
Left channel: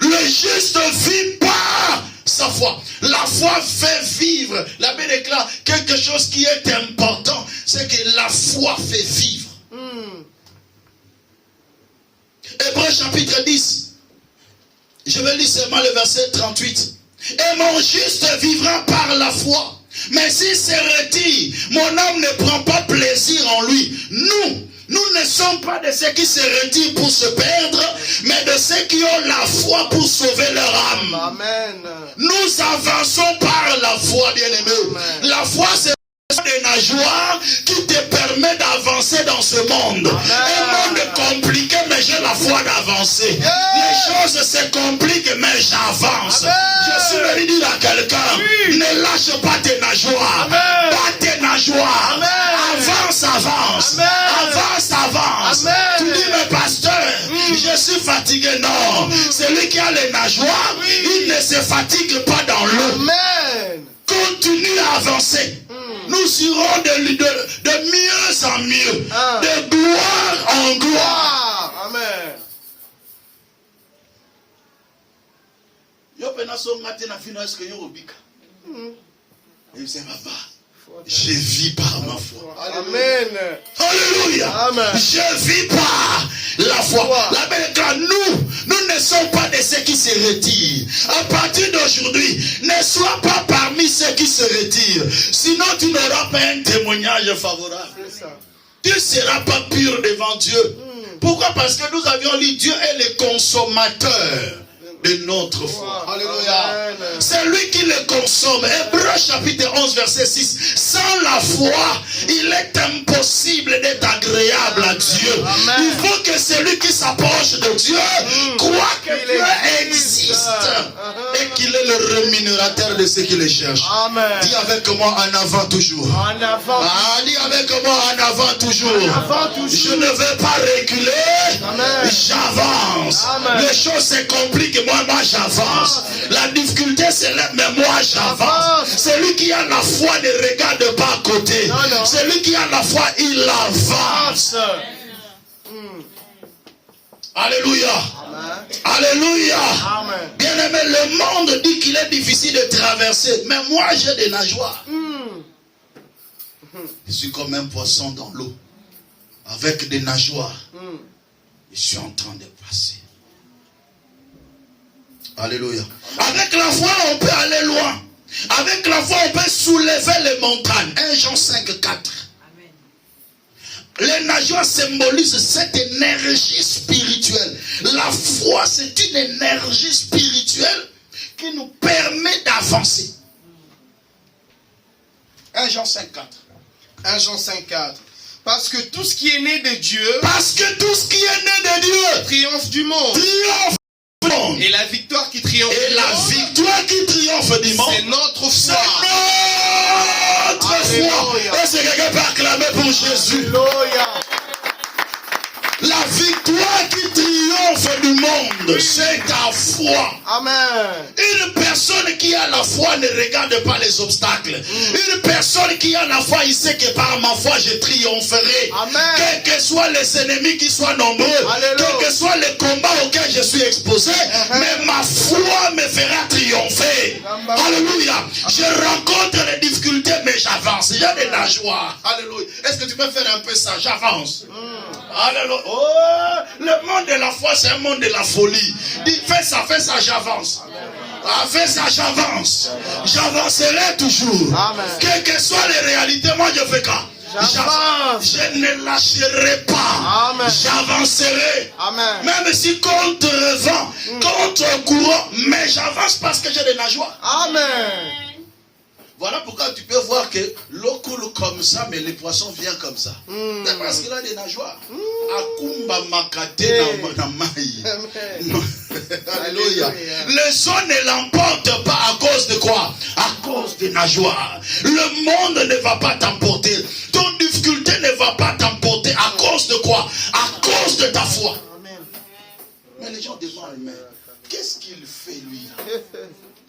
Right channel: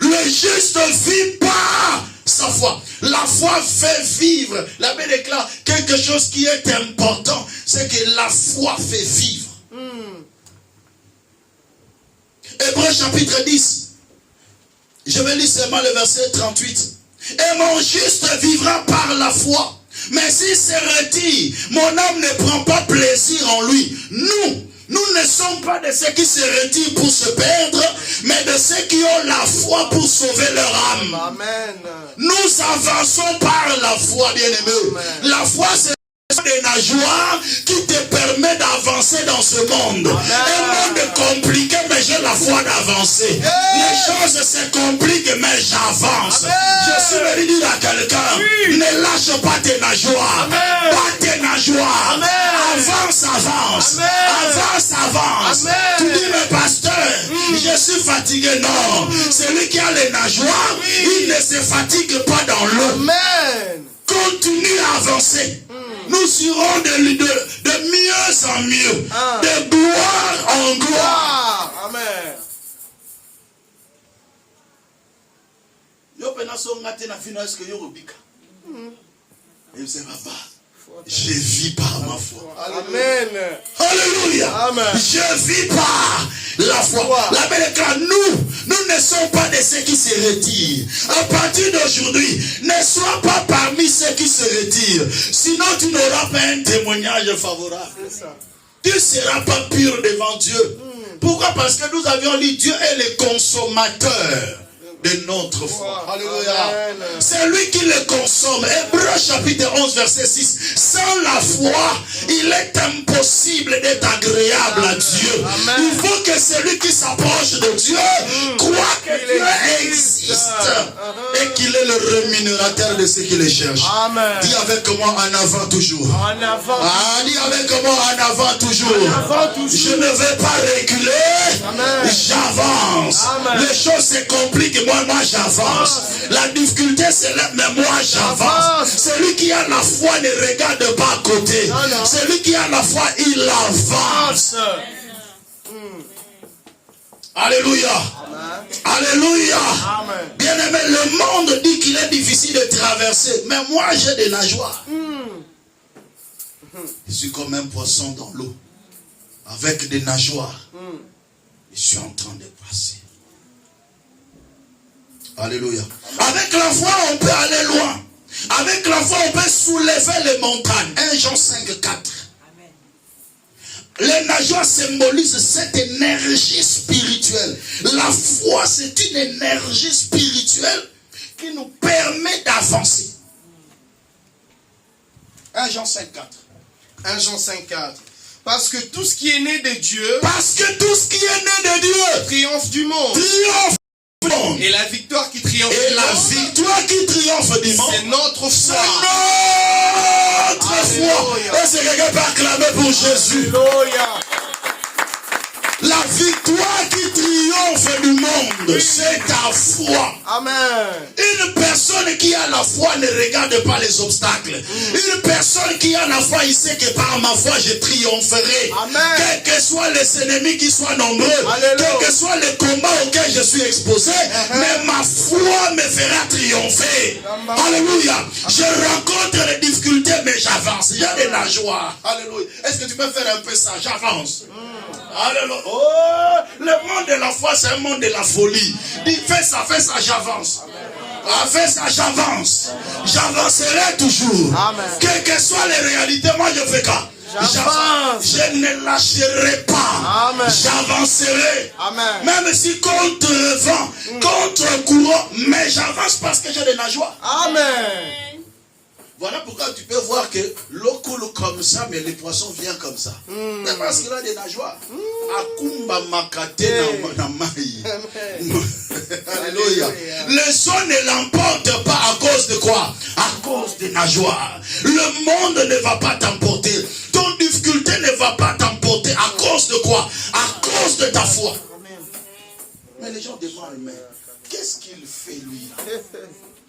Le juste vit par sa foi. La foi fait vivre. La Bible déclare quelque chose qui est important. C'est que la foi fait vivre. Hébreux chapitre 10. Je vais lire seulement le verset 38. Et mon juste vivra par la foi. Mais s'il se retire, mon âme ne prend pas plaisir en lui. Nous ne sommes pas de ceux qui se retirent pour se perdre, mais de ceux qui ont la foi pour sauver leur âme. Amen. Nous avançons par la foi, bien-aimés. La foi, c'est des nageoires qui te permet d'avancer dans ce monde. Amen. Un monde compliqué, mais j'ai la foi d'avancer. Les choses se compliquent, mais j'avance. Je suis venu dire à quelqu'un, ne lâche pas tes nageoires. Pas tes nageoires. Avance, avance. Avance, avance. Tu dis, mais pasteur, je suis fatigué. Non, celui qui a les nageoires, il ne se fatigue pas dans l'eau. Amen. Continue à avancer. Nous irons de mieux en mieux, de gloire en gloire. Amen. Je vis par ma foi. Amen. Alléluia. Amen. Je vis par la foi. La Bible déclare, nous ne sommes pas de ceux qui se retirent. À partir d'aujourd'hui, ne sois pas parmi ceux qui se retirent. Sinon, tu n'auras pas un témoignage favorable. C'est ça. tu ne seras pas pur devant Dieu. Pourquoi? Parce que nous avions lu, Dieu est le consommateur de notre foi. Alléluia. C'est lui qui le consomme. Hébreux chapitre 11 verset 6. Sans la foi, il est impossible d'être agréable à Dieu. Amen. Il faut que celui qui s'approche de Dieu croit que Dieu existe et qu'il est le rémunérateur de ceux qui le cherchent. Amen. Dis avec moi en avant toujours. En avant. Ah, dis avec moi en avant toujours. En avant toujours. Je ne vais pas reculer. Amen. J'avance. Amen. Les choses se compliquent. Moi j'avance. La difficulté c'est là, mais moi j'avance. Celui qui a la foi ne regarde pas à côté. Non. Celui qui a la foi, il avance. Alléluia. Amen. Alléluia. Amen. Bien aimé, le monde dit qu'il est difficile de traverser. Mais moi j'ai de la joie. Je suis comme un poisson dans l'eau. Avec des nageoires. Je suis en train de passer. Alléluia. Avec la foi, on peut aller loin. Avec la foi, on peut soulever les montagnes. 1 Jean 5, 4. Les nageoires symbolisent cette énergie spirituelle. La foi, c'est une énergie spirituelle qui nous permet d'avancer. 1 Jean 5, 4. 1 Jean 5, 4. Parce que tout ce qui est né de Dieu, Parce que tout ce qui est né de Dieu triomphe du monde. triomphe du monde. Et la victoire qui triomphe Et du la monde, victoire qui triomphe du monde, c'est notre c'est foi. notre foi. Alléluia. Est-ce que quelqu'un peut acclamer pour Jésus? Alléluia. La victoire qui triomphe du monde, c'est ta foi. Amen. Une personne qui a la foi ne regarde pas les obstacles. Une personne qui a la foi, il sait que par ma foi, je triompherai. Amen. Quels que soient les ennemis qui soient nombreux, Alléluia. quels que soient les combats auxquels je suis exposé, mais ma foi me fera triompher. Alléluia. Je rencontre les difficultés, mais j'avance. Il y a de la joie. Alléluia. Est-ce que tu peux faire un peu ça? J'avance. Alléluia. Oh, le monde de la foi, c'est un monde de la folie. Dis, fais ça, j'avance. Ah, fais ça, j'avance. J'avancerai toujours. Amen. Quelles que soient les réalités, moi je fais quoi? J'avance. Je ne lâcherai pas. Amen. J'avancerai. Amen. Même si contre vent, contre courant, mais j'avance parce que j'ai de la joie. Amen. Voilà pourquoi tu peux voir que l'eau coule comme ça, mais les poissons viennent comme ça. C'est parce qu'il a des nageoires. Akumba makate na mai. Alléluia. Les eaux ne l'emportent pas à cause de quoi? À cause des nageoires. Le monde ne va pas t'emporter. Ton difficulté ne va pas t'emporter. À cause de quoi? À cause de ta foi. Mais les gens demandent, mais qu'est-ce qu'il fait lui là?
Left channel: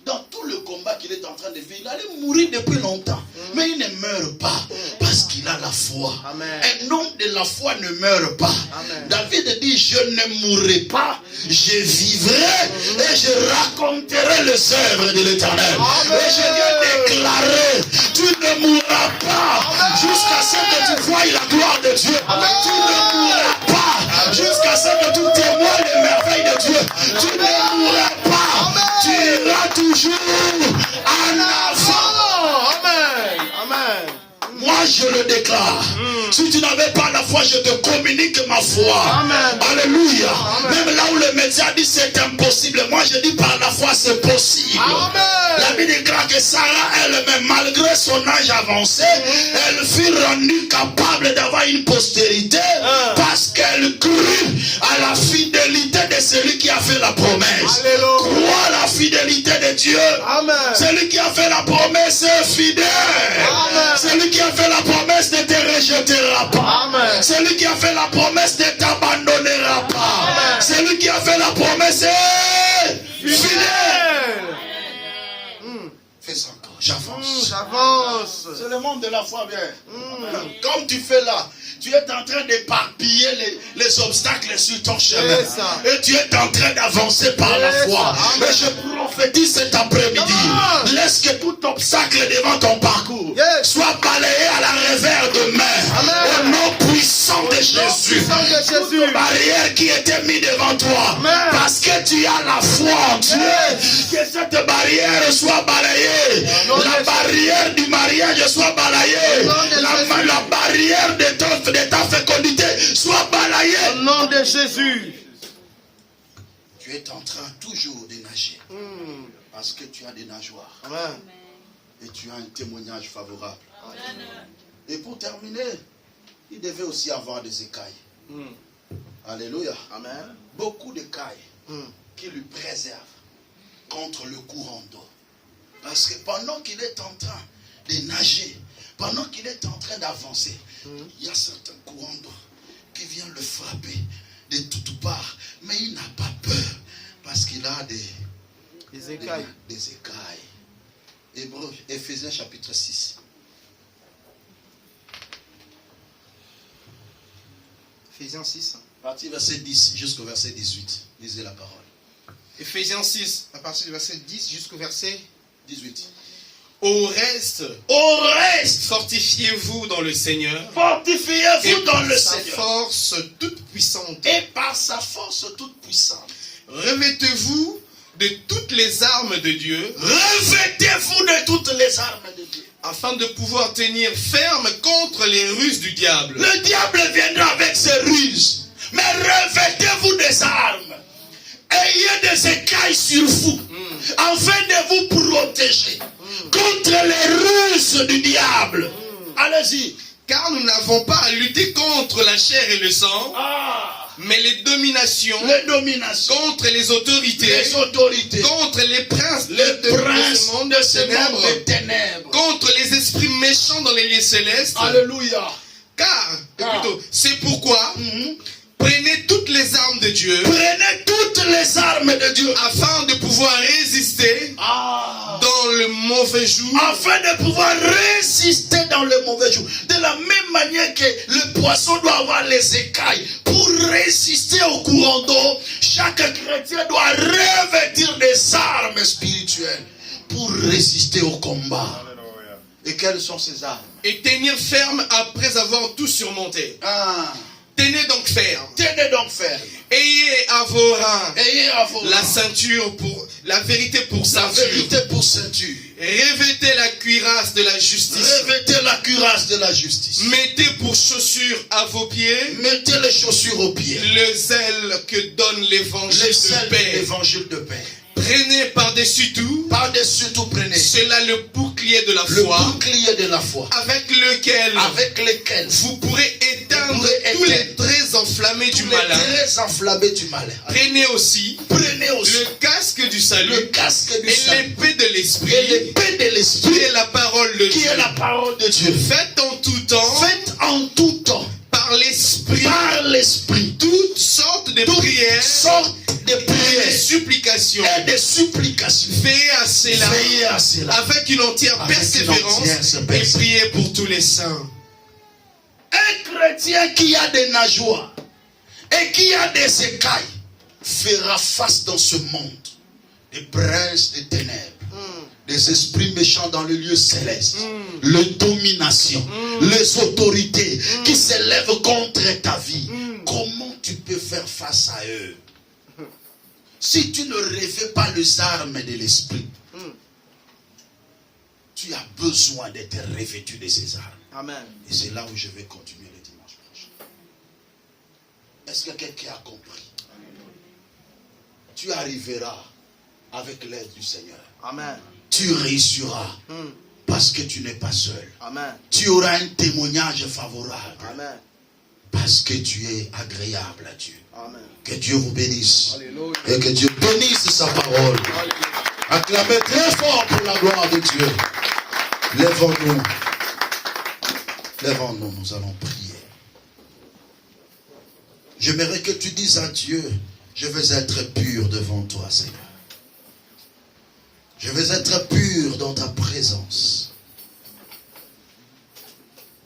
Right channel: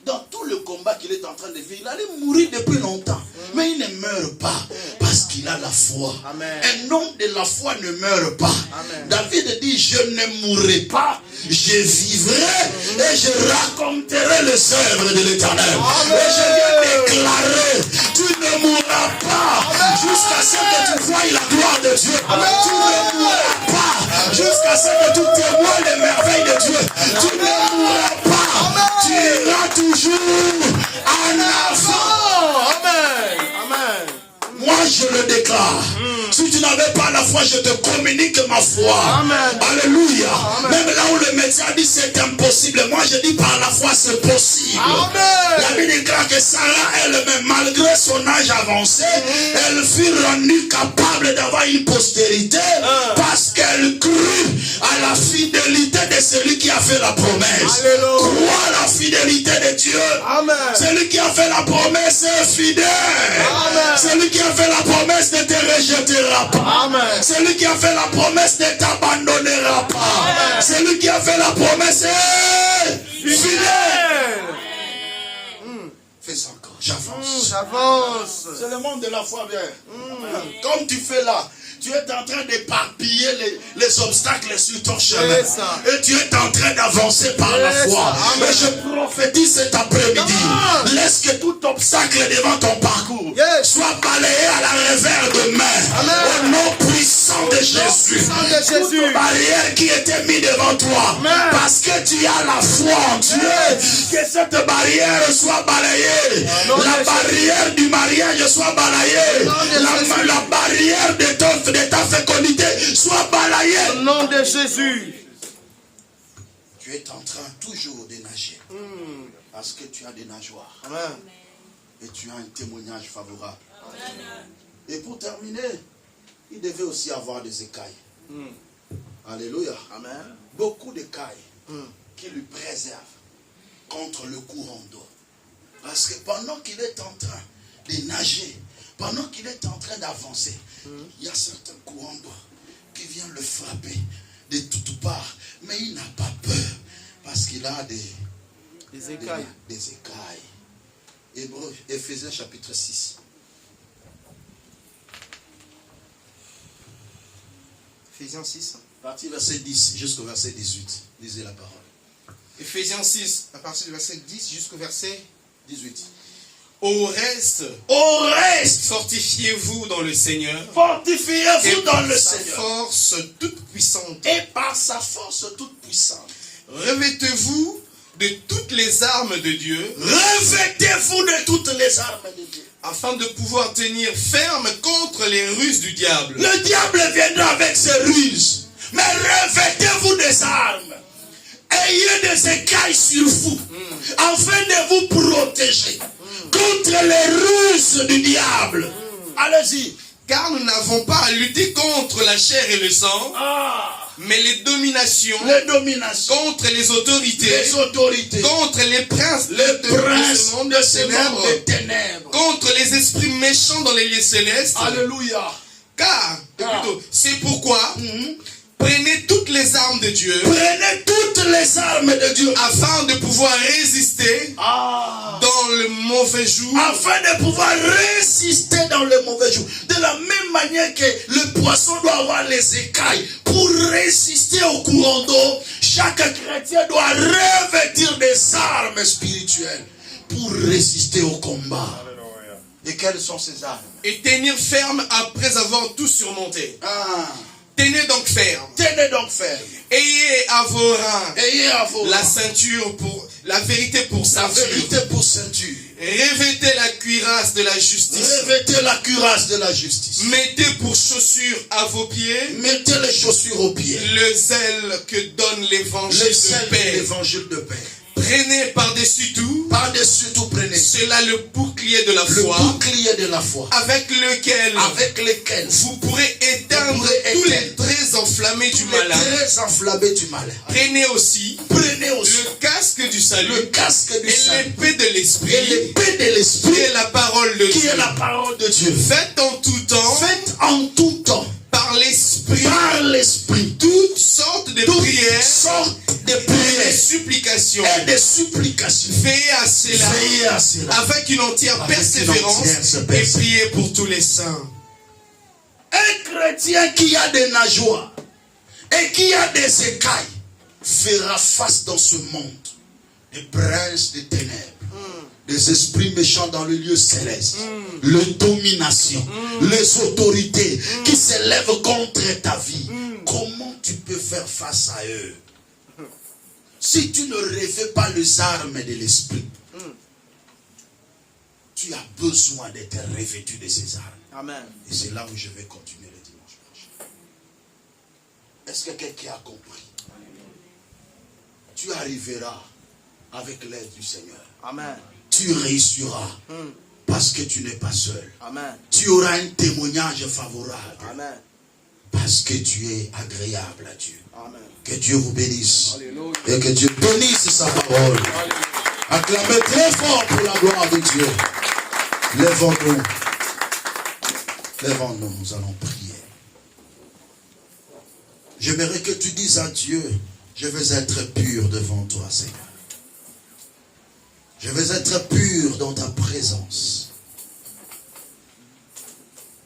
Dans tout le combat qu'il est en train de vivre, il allait mourir depuis longtemps. Mais il ne meurt pas parce qu'il a la foi. Amen. Un homme de la foi ne meurt pas. Amen. David dit, je ne mourrai pas, je vivrai et je raconterai les œuvres de l'Éternel. Et je vais déclarer, tu ne mourras pas jusqu'à ce que tu voies la gloire de Dieu. Tu ne mourras pas jusqu'à ce que tu témoignes les merveilles de Dieu. Tu ne mourras pas. Tu iras toujours en avant. Amen. Amen. Moi je le déclare. Si tu n'avais pas la foi, je te communique ma foi. Amen. Alléluia. Amen. Même là où le médecin dit c'est impossible, moi je dis par la foi c'est possible. Amen. La Bible déclare que Sarah elle-même, malgré son âge avancé, elle fut rendue capable d'avoir une postérité parce qu'elle crut à la fidélité de celui qui a fait la promesse. Alléluia. Crois à la fidélité de Dieu. Amen. Celui qui a fait la promesse est fidèle. Amen. Celui qui a fait la promesse ne te rejettera pas. Amen. Celui qui a fait la promesse ne t'abandonnera pas. Amen. Celui qui a fait la promesse est fidèle. Fais ça encore, j'avance. J'avance. C'est le monde de la foi, bien. Comme tu fais là, tu es en train d'éparpiller les obstacles sur ton chemin. C'est ça. Et tu es en train d'avancer par la C'est foi. ça. Amen. Et je prophétise cet après-midi. Amen. Laisse que tout obstacle devant ton parcours Yes. soit balayé à la revers de main. Amen. Au nom puissant de Jésus. Jésus. puissant de Toute Jésus. barrière qui était mise devant toi. Amen. Parce que tu as la foi en Dieu. Que cette barrière soit balayée. Nom de La Jésus. barrière du mariage soit balayée. Au nom de Jésus. La barrière de ta fécondité soit balayée. Au nom de Jésus. Tu es en train toujours de nager. Parce que tu as des nageoires. Amen. Et tu as un témoignage favorable. Et pour terminer, il devait aussi avoir des écailles. Alléluia. Amen. Beaucoup d'écailles qui lui préservent contre le courant d'eau. Parce que pendant qu'il est en train de nager, pendant qu'il est en train d'avancer, il y a certains courants d'eau qui viennent le frapper de toutes parts. Mais il n'a pas peur parce qu'il a Les écailles. des écailles. Hébreux, Éphésiens chapitre 6. Éphésiens 6. À partir du verset 10 jusqu'au verset 18. Lisez la parole. Éphésiens 6, à partir du verset 10 jusqu'au verset 18. Au reste, fortifiez-vous dans le Seigneur. Fortifiez-vous dans le sa Seigneur. force toute puissante. Et par sa force toute puissante. Revêtez-vous de toutes les armes de Dieu, Revêtez-vous de toutes les armes de Dieu. afin de pouvoir tenir ferme contre les ruses du diable. Le diable viendra avec ses ruses. Mais revêtez-vous des armes. Ayez des écailles sur vous. Afin de vous protéger contre les ruses du diable. Allez-y. Car nous n'avons pas à lutter contre la chair et le sang, mais les dominations, contre les autorités, contre les princes de ce monde de ténèbres, contre les esprits méchants dans les lieux célestes. Alléluia. Car, plutôt, c'est pourquoi prenez toutes les armes de Dieu, Prenez toutes les armes de Dieu. afin de pouvoir résister dans le mauvais jour. Afin de pouvoir résister dans le mauvais jour. De la même manière que le poisson doit avoir les écailles pour résister au courant d'eau, chaque chrétien doit revêtir des armes spirituelles pour résister au combat. Et quelles sont ces armes? Et tenir ferme après avoir tout surmonté. Tenez donc ferme. Tenez donc ferme. Ayez à vos reins Ayez à vos la mains ceinture pour la vérité pour la ceinture. vérité pour ceinture. Revêtez la cuirasse de la justice. Revêtez la cuirasse de la justice. Mettez pour chaussures à vos pieds Mettez les chaussures aux pieds. le zèle que donne l'évangile Le de sel de paix. l'évangile de paix. Prenez par-dessus tout Par-dessus tout, prenez cela le bouclier de la le foi, bouclier de la foi, avec lequel vous vous pourrez éteindre pourrez tous les éteindre traits enflammés du malin. très enflammé du mal. Prenez aussi Prenez aussi le casque du salut le casque du et salut l'épée de et l'esprit, l'épée de qui l'esprit est la parole de qui Dieu. est la parole de Dieu. Faites en tout temps, Faites en tout temps par l'esprit, par l'esprit toutes sortes de toutes prières sortes de et de prières supplications. et de supplications. Veillez à cela Veillez à cela. avec une entière Avec une persévérance entière et persévérance. priez pour tous les saints. Un chrétien qui a des nageoires et qui a des écailles fera face dans ce monde des princes des ténèbres, des esprits méchants dans le lieu céleste, les dominations, les autorités qui s'élèvent contre ta vie. Comment tu peux faire face à eux si tu ne revêts pas les armes de l'esprit? Tu as besoin d'être revêtu de ces armes. Amen. Et c'est là où je vais continuer le dimanche prochain. Est-ce que quelqu'un a compris? Tu arriveras avec l'aide du Seigneur. Amen. Tu réussiras parce que tu n'es pas seul. Amen. Tu auras un témoignage favorable Amen. parce que tu es agréable à Dieu. Amen. Que Dieu vous bénisse. Alléluia. Et que Dieu bénisse sa parole. Acclamez très fort pour la gloire de Dieu. Lèvons-nous. Lèvons-nous, nous allons prier. J'aimerais que tu dises à Dieu, je veux être pur devant toi, Seigneur. Je veux être pur dans ta présence.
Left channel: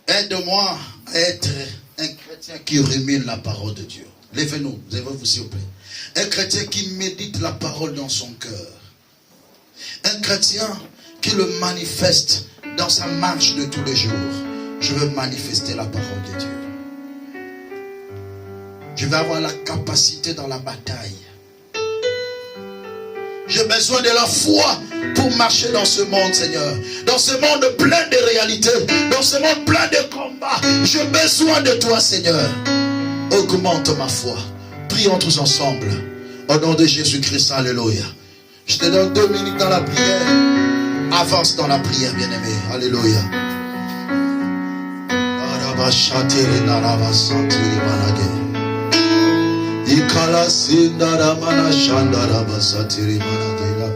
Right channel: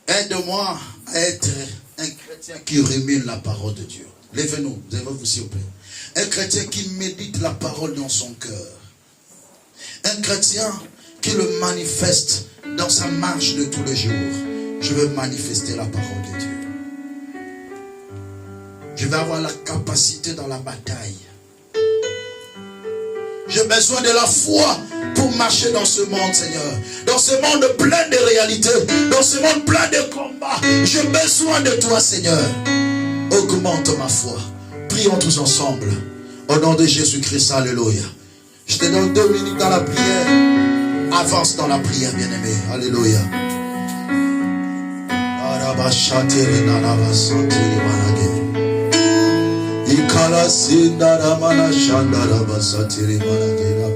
Aide-moi à être un chrétien qui rumine la parole de Dieu. Lèvez-nous, lèvez-vous s'il vous plaît. Un chrétien qui médite la parole dans son cœur. Un chrétien qui le manifeste dans sa marche de tous les jours. Je veux manifester la parole de Dieu. Je vais avoir la capacité dans la bataille. J'ai besoin de la foi pour marcher dans ce monde, Seigneur. Dans ce monde plein de réalités. Dans ce monde plein de combats. J'ai besoin de toi, Seigneur. Augmente ma foi. Prions tous ensemble. Au nom de Jésus-Christ, alléluia. Je te donne 2 minutes dans la prière. Avance dans la prière, bien-aimé. Alléluia. Ikala sindara mana shandara basatiri mana dela.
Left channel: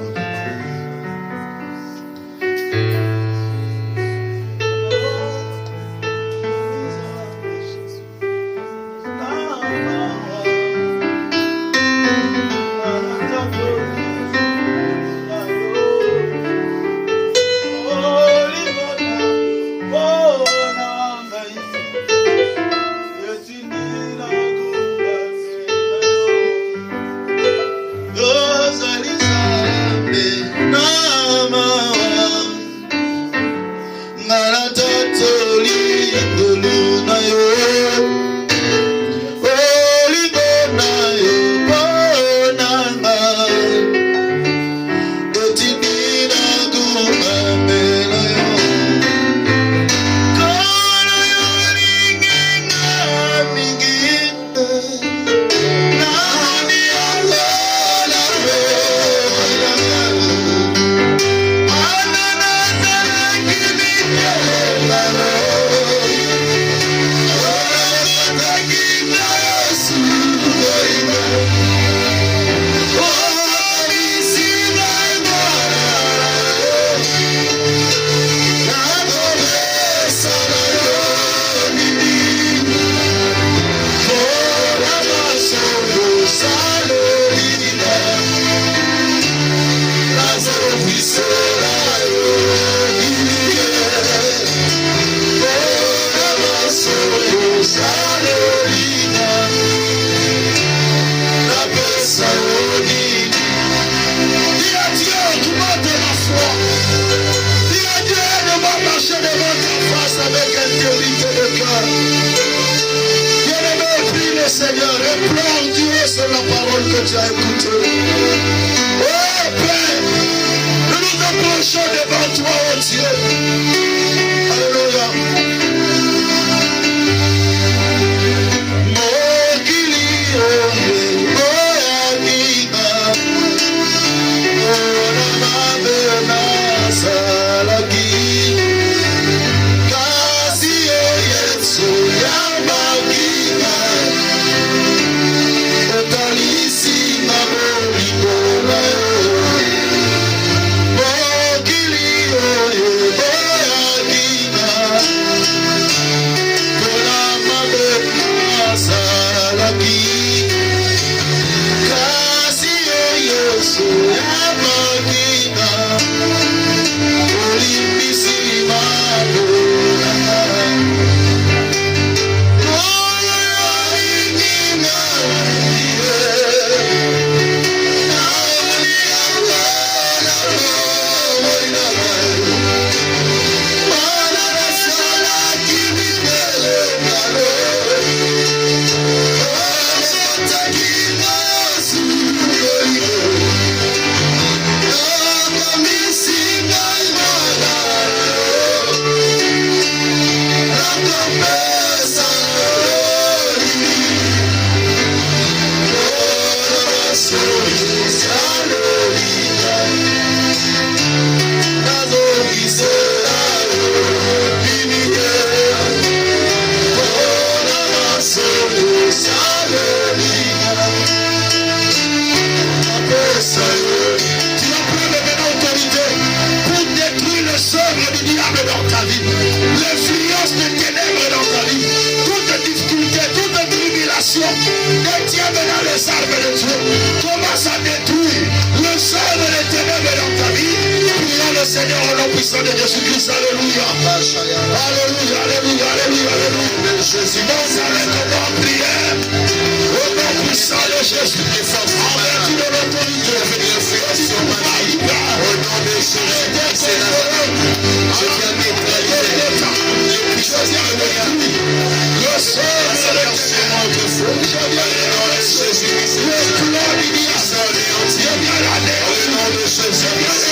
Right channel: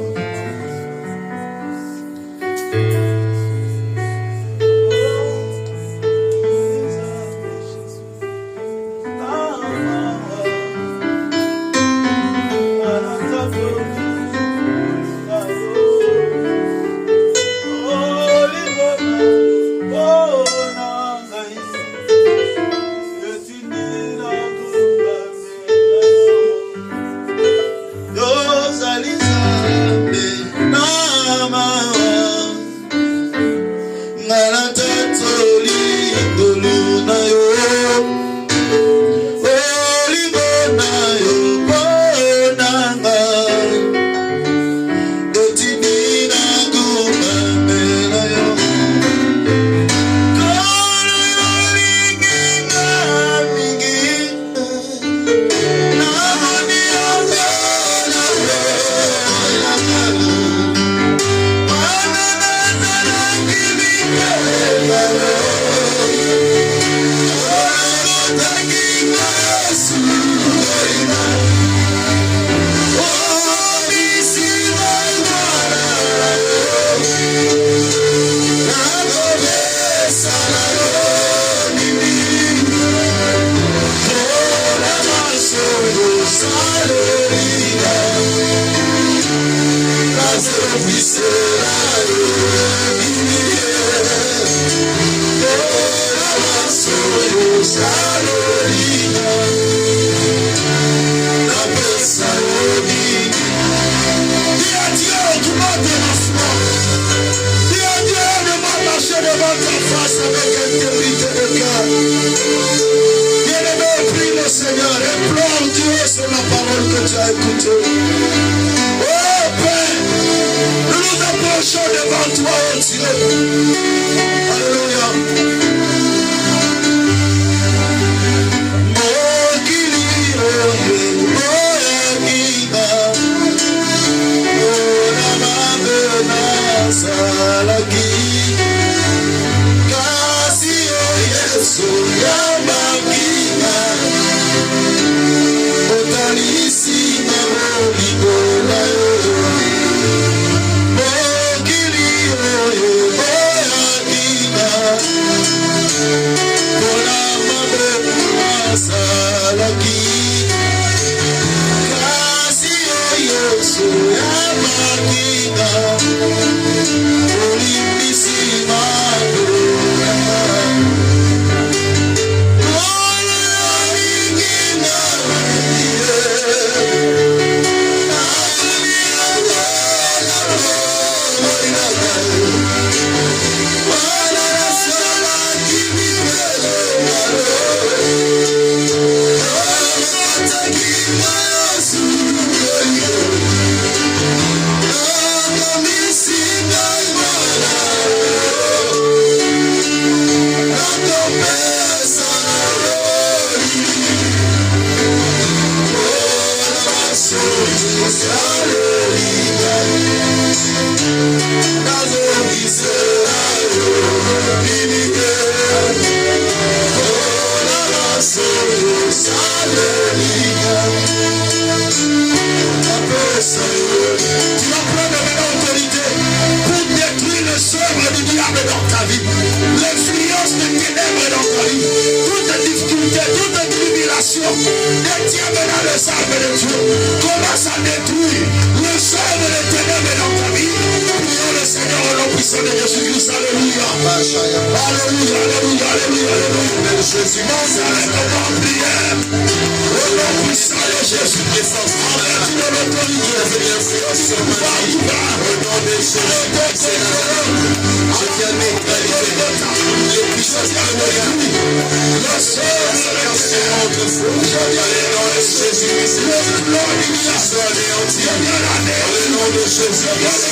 Le notre foi. Au nom de Jésus-Christ. Le plan du diable est anéanti. Au nom de Jésus-Christ.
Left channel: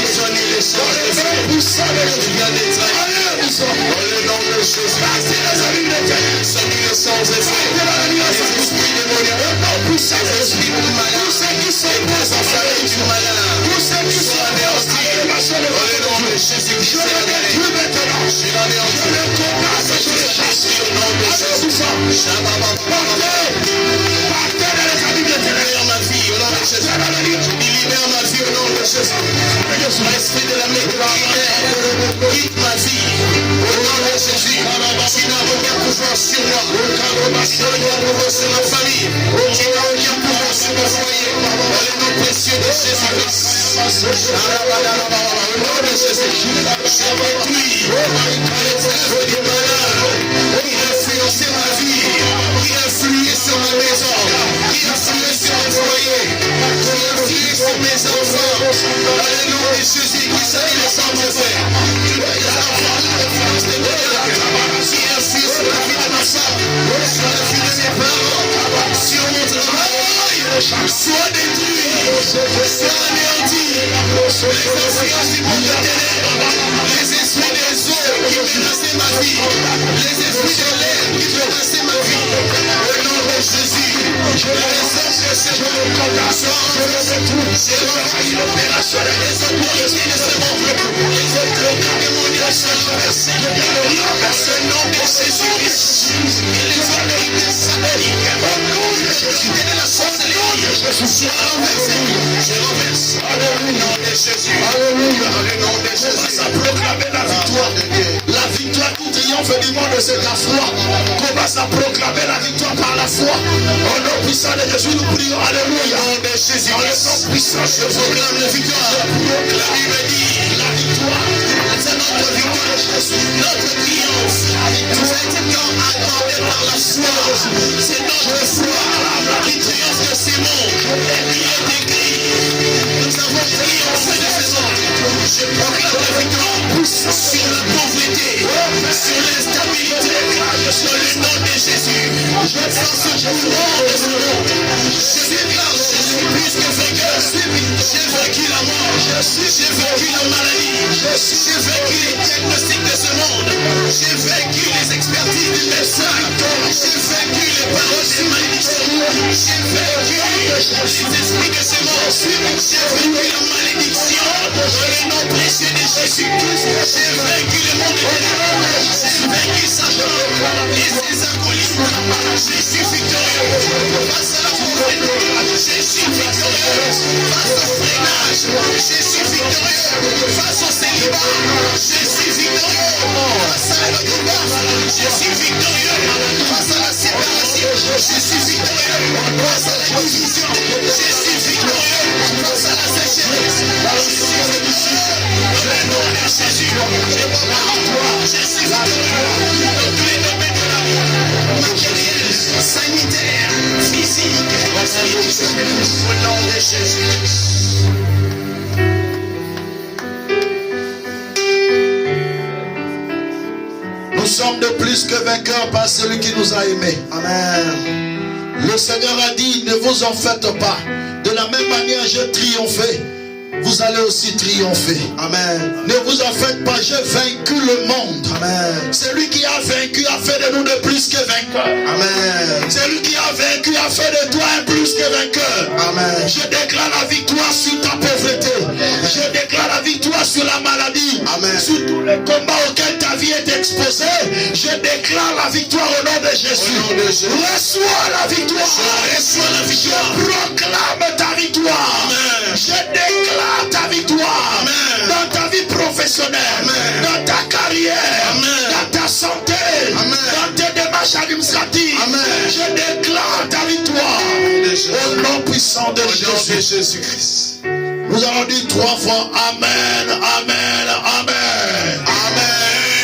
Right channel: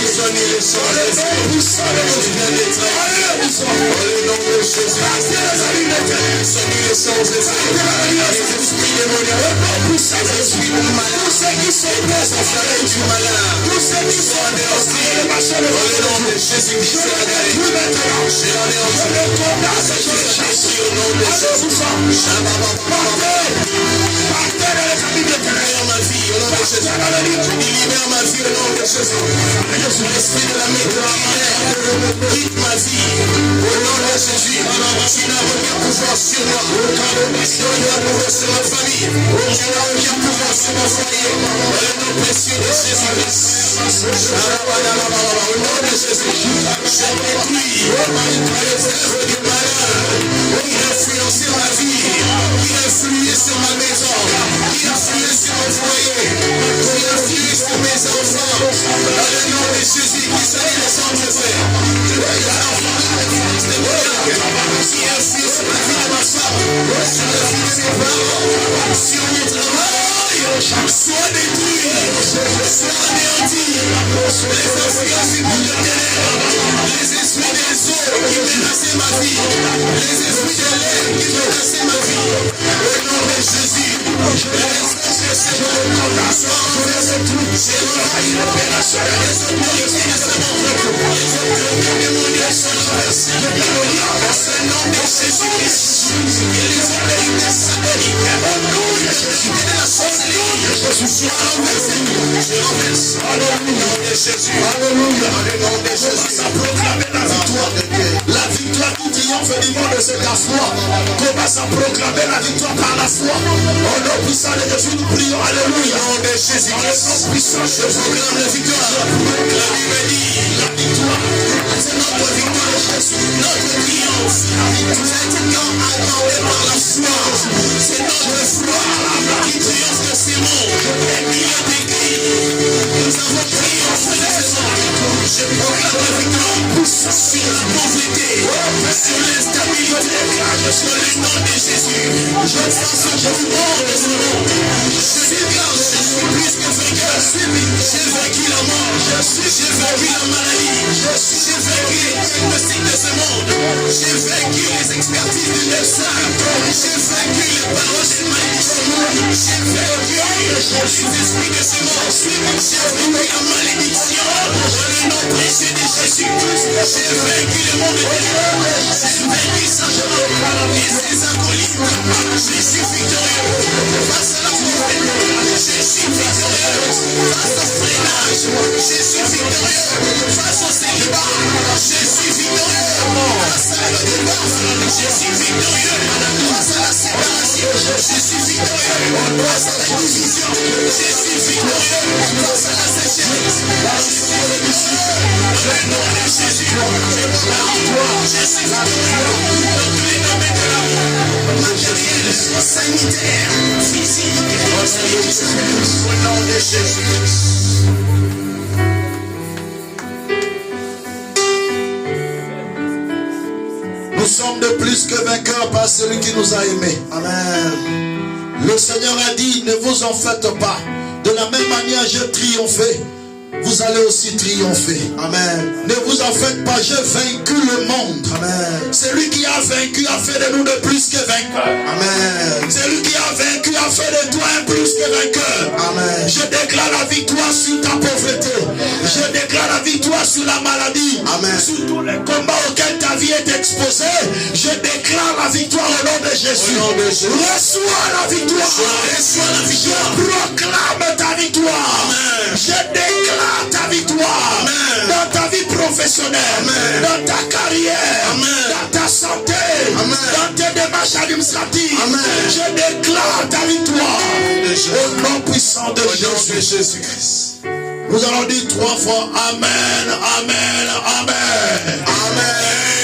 Ils ont mis les sorts des hommes. Vous savez que tu viens d'être. Au nom de Jésus-Christ. Ils ont mis les sorts des hommes. Les esprits démoniaques. Vous savez que tu es malin. Tous ceux qui sont présents, vous savez que tu es malin. Tous ceux qui sont anéantis. Au nom de Jésus-Christ. Je le détruis maintenant. Je le condamne. Je le chasse. Au nom de Jésus-Christ. Partez dans les familles de libère ma vie. Au nom de Jésus. Libère ma vie. Au nom de Jésus. L'esprit de la mémoire. Quitte ma vie. Au nom de Jésus. Tu n'as pas pouvoir sur moi. Tu n'as pas pouvoir sur ma famille. Tu n'as aucun pouvoir sur mon foyer. Dans le nom précieux de Jésus-Christ. Au nom de Jésus. J'ai détruit les œuvres du malin. Il a influencé ma vie. Il a influé sur ma maison. Il a influé sur mon foyer. Il a influé sur mes enfants. Dans le nom de Jésus, qui s'est le sang de frère. Il a influé sur la vie de ma femme. Sur la vie de mes parents. Sur mon travail. Sois détruit. Sois anéanti. Les influences du monde les esprits des eaux qui menacent ma vie. Les esprits de l'air qui menacent ma vie. Au nom de Jésus, je les exerce, je les condamne. Je les étouffe. C'est moi qui les opérations. Les autorités de ce monde. Les autorités démoniaques se renversent. Ce nom de Jésus. Et les autorités sataniques. Au nom de Jésus. Et la sorcellerie. Je renverse. Alléluia. Jésus. Alléluia. Commence à proclamer la victoire de Dieu. La victoire qui triomphe du monde, c'est la foi. Commence à proclamer la victoire par la foi. Au nom puissant de Jésus, nous prions. Alléluia. Au nom de Jésus. En le nom puissant, je proclame la victoire. Je proclame la victoire. C'est notre victoire, Jésus. Notre triomphe. C'est un temps accordé par la foi. C'est notre foi qui triomphe de ces mondes. Et qui est écrit. Nous avons triomphé de ces mondes. Je proclame la victoire sur la pauvreté, sur l'instabilité, sur le nom de Jésus. Je force le nom de son nom. Je déclare, je suis plus que vainqueur. J'ai vaincu la mort, j'ai vaincu la maladie, j'ai vaincu les diagnostics de ce monde, j'ai vaincu les expertises du médecin, j'ai vaincu les paroles des malédictions, j'ai vaincu les esprits de ce monde, j'ai vaincu la malédiction. Le nom précieux de Jésus, j'ai vaincu le monde de Dieu, j'ai vaincu Satan, les alcooliques, je suis victorieux face à la pauvreté, je suis victorieux face au freinage, je suis victorieux face au célibat, je suis victorieux face à la débarque, je suis victorieux face à la séparation, je suis victorieux face à la division, je suis victorieux face à la sécheresse, je suis victorieux. Le nom de Jésus, je vois la victoire, je suis victorieux dans tous les domaines de la vie, matériel, sanitaire, physique, au nom de Jésus. Nous sommes de plus que vainqueurs par celui qui nous a aimés. Amen. Le Seigneur a dit, ne vous en faites pas. De la même manière, j'ai triomphé. Vous allez aussi triompher. Amen. Ne vous en faites pas, j'ai vaincu le monde. Amen. Celui qui a vaincu a fait de nous de plus que vainqueurs. Amen. Celui qui a vaincu a fait de toi un plus que vainqueur. Amen. Je déclare la victoire sur ta pauvreté. Je déclare la victoire sur la maladie. Amen. Sur tous les combats auxquels ta vie est exposée. Je déclare la victoire au nom de Jésus. Au nom de Jésus. Reçois la victoire. Reçois la victoire. Je proclame ta victoire. Amen. Je déclare ta victoire. Amen. Dans ta vie professionnelle. Amen. Dans ta carrière. Amen. Dans ta santé. Amen. Dans tes démarches administratives. Amen. Je déclare ta victoire. Au nom puissant de Jésus. Jésus-Christ. Nous allons dire 3 fois Amen, Amen, Amen. Amen.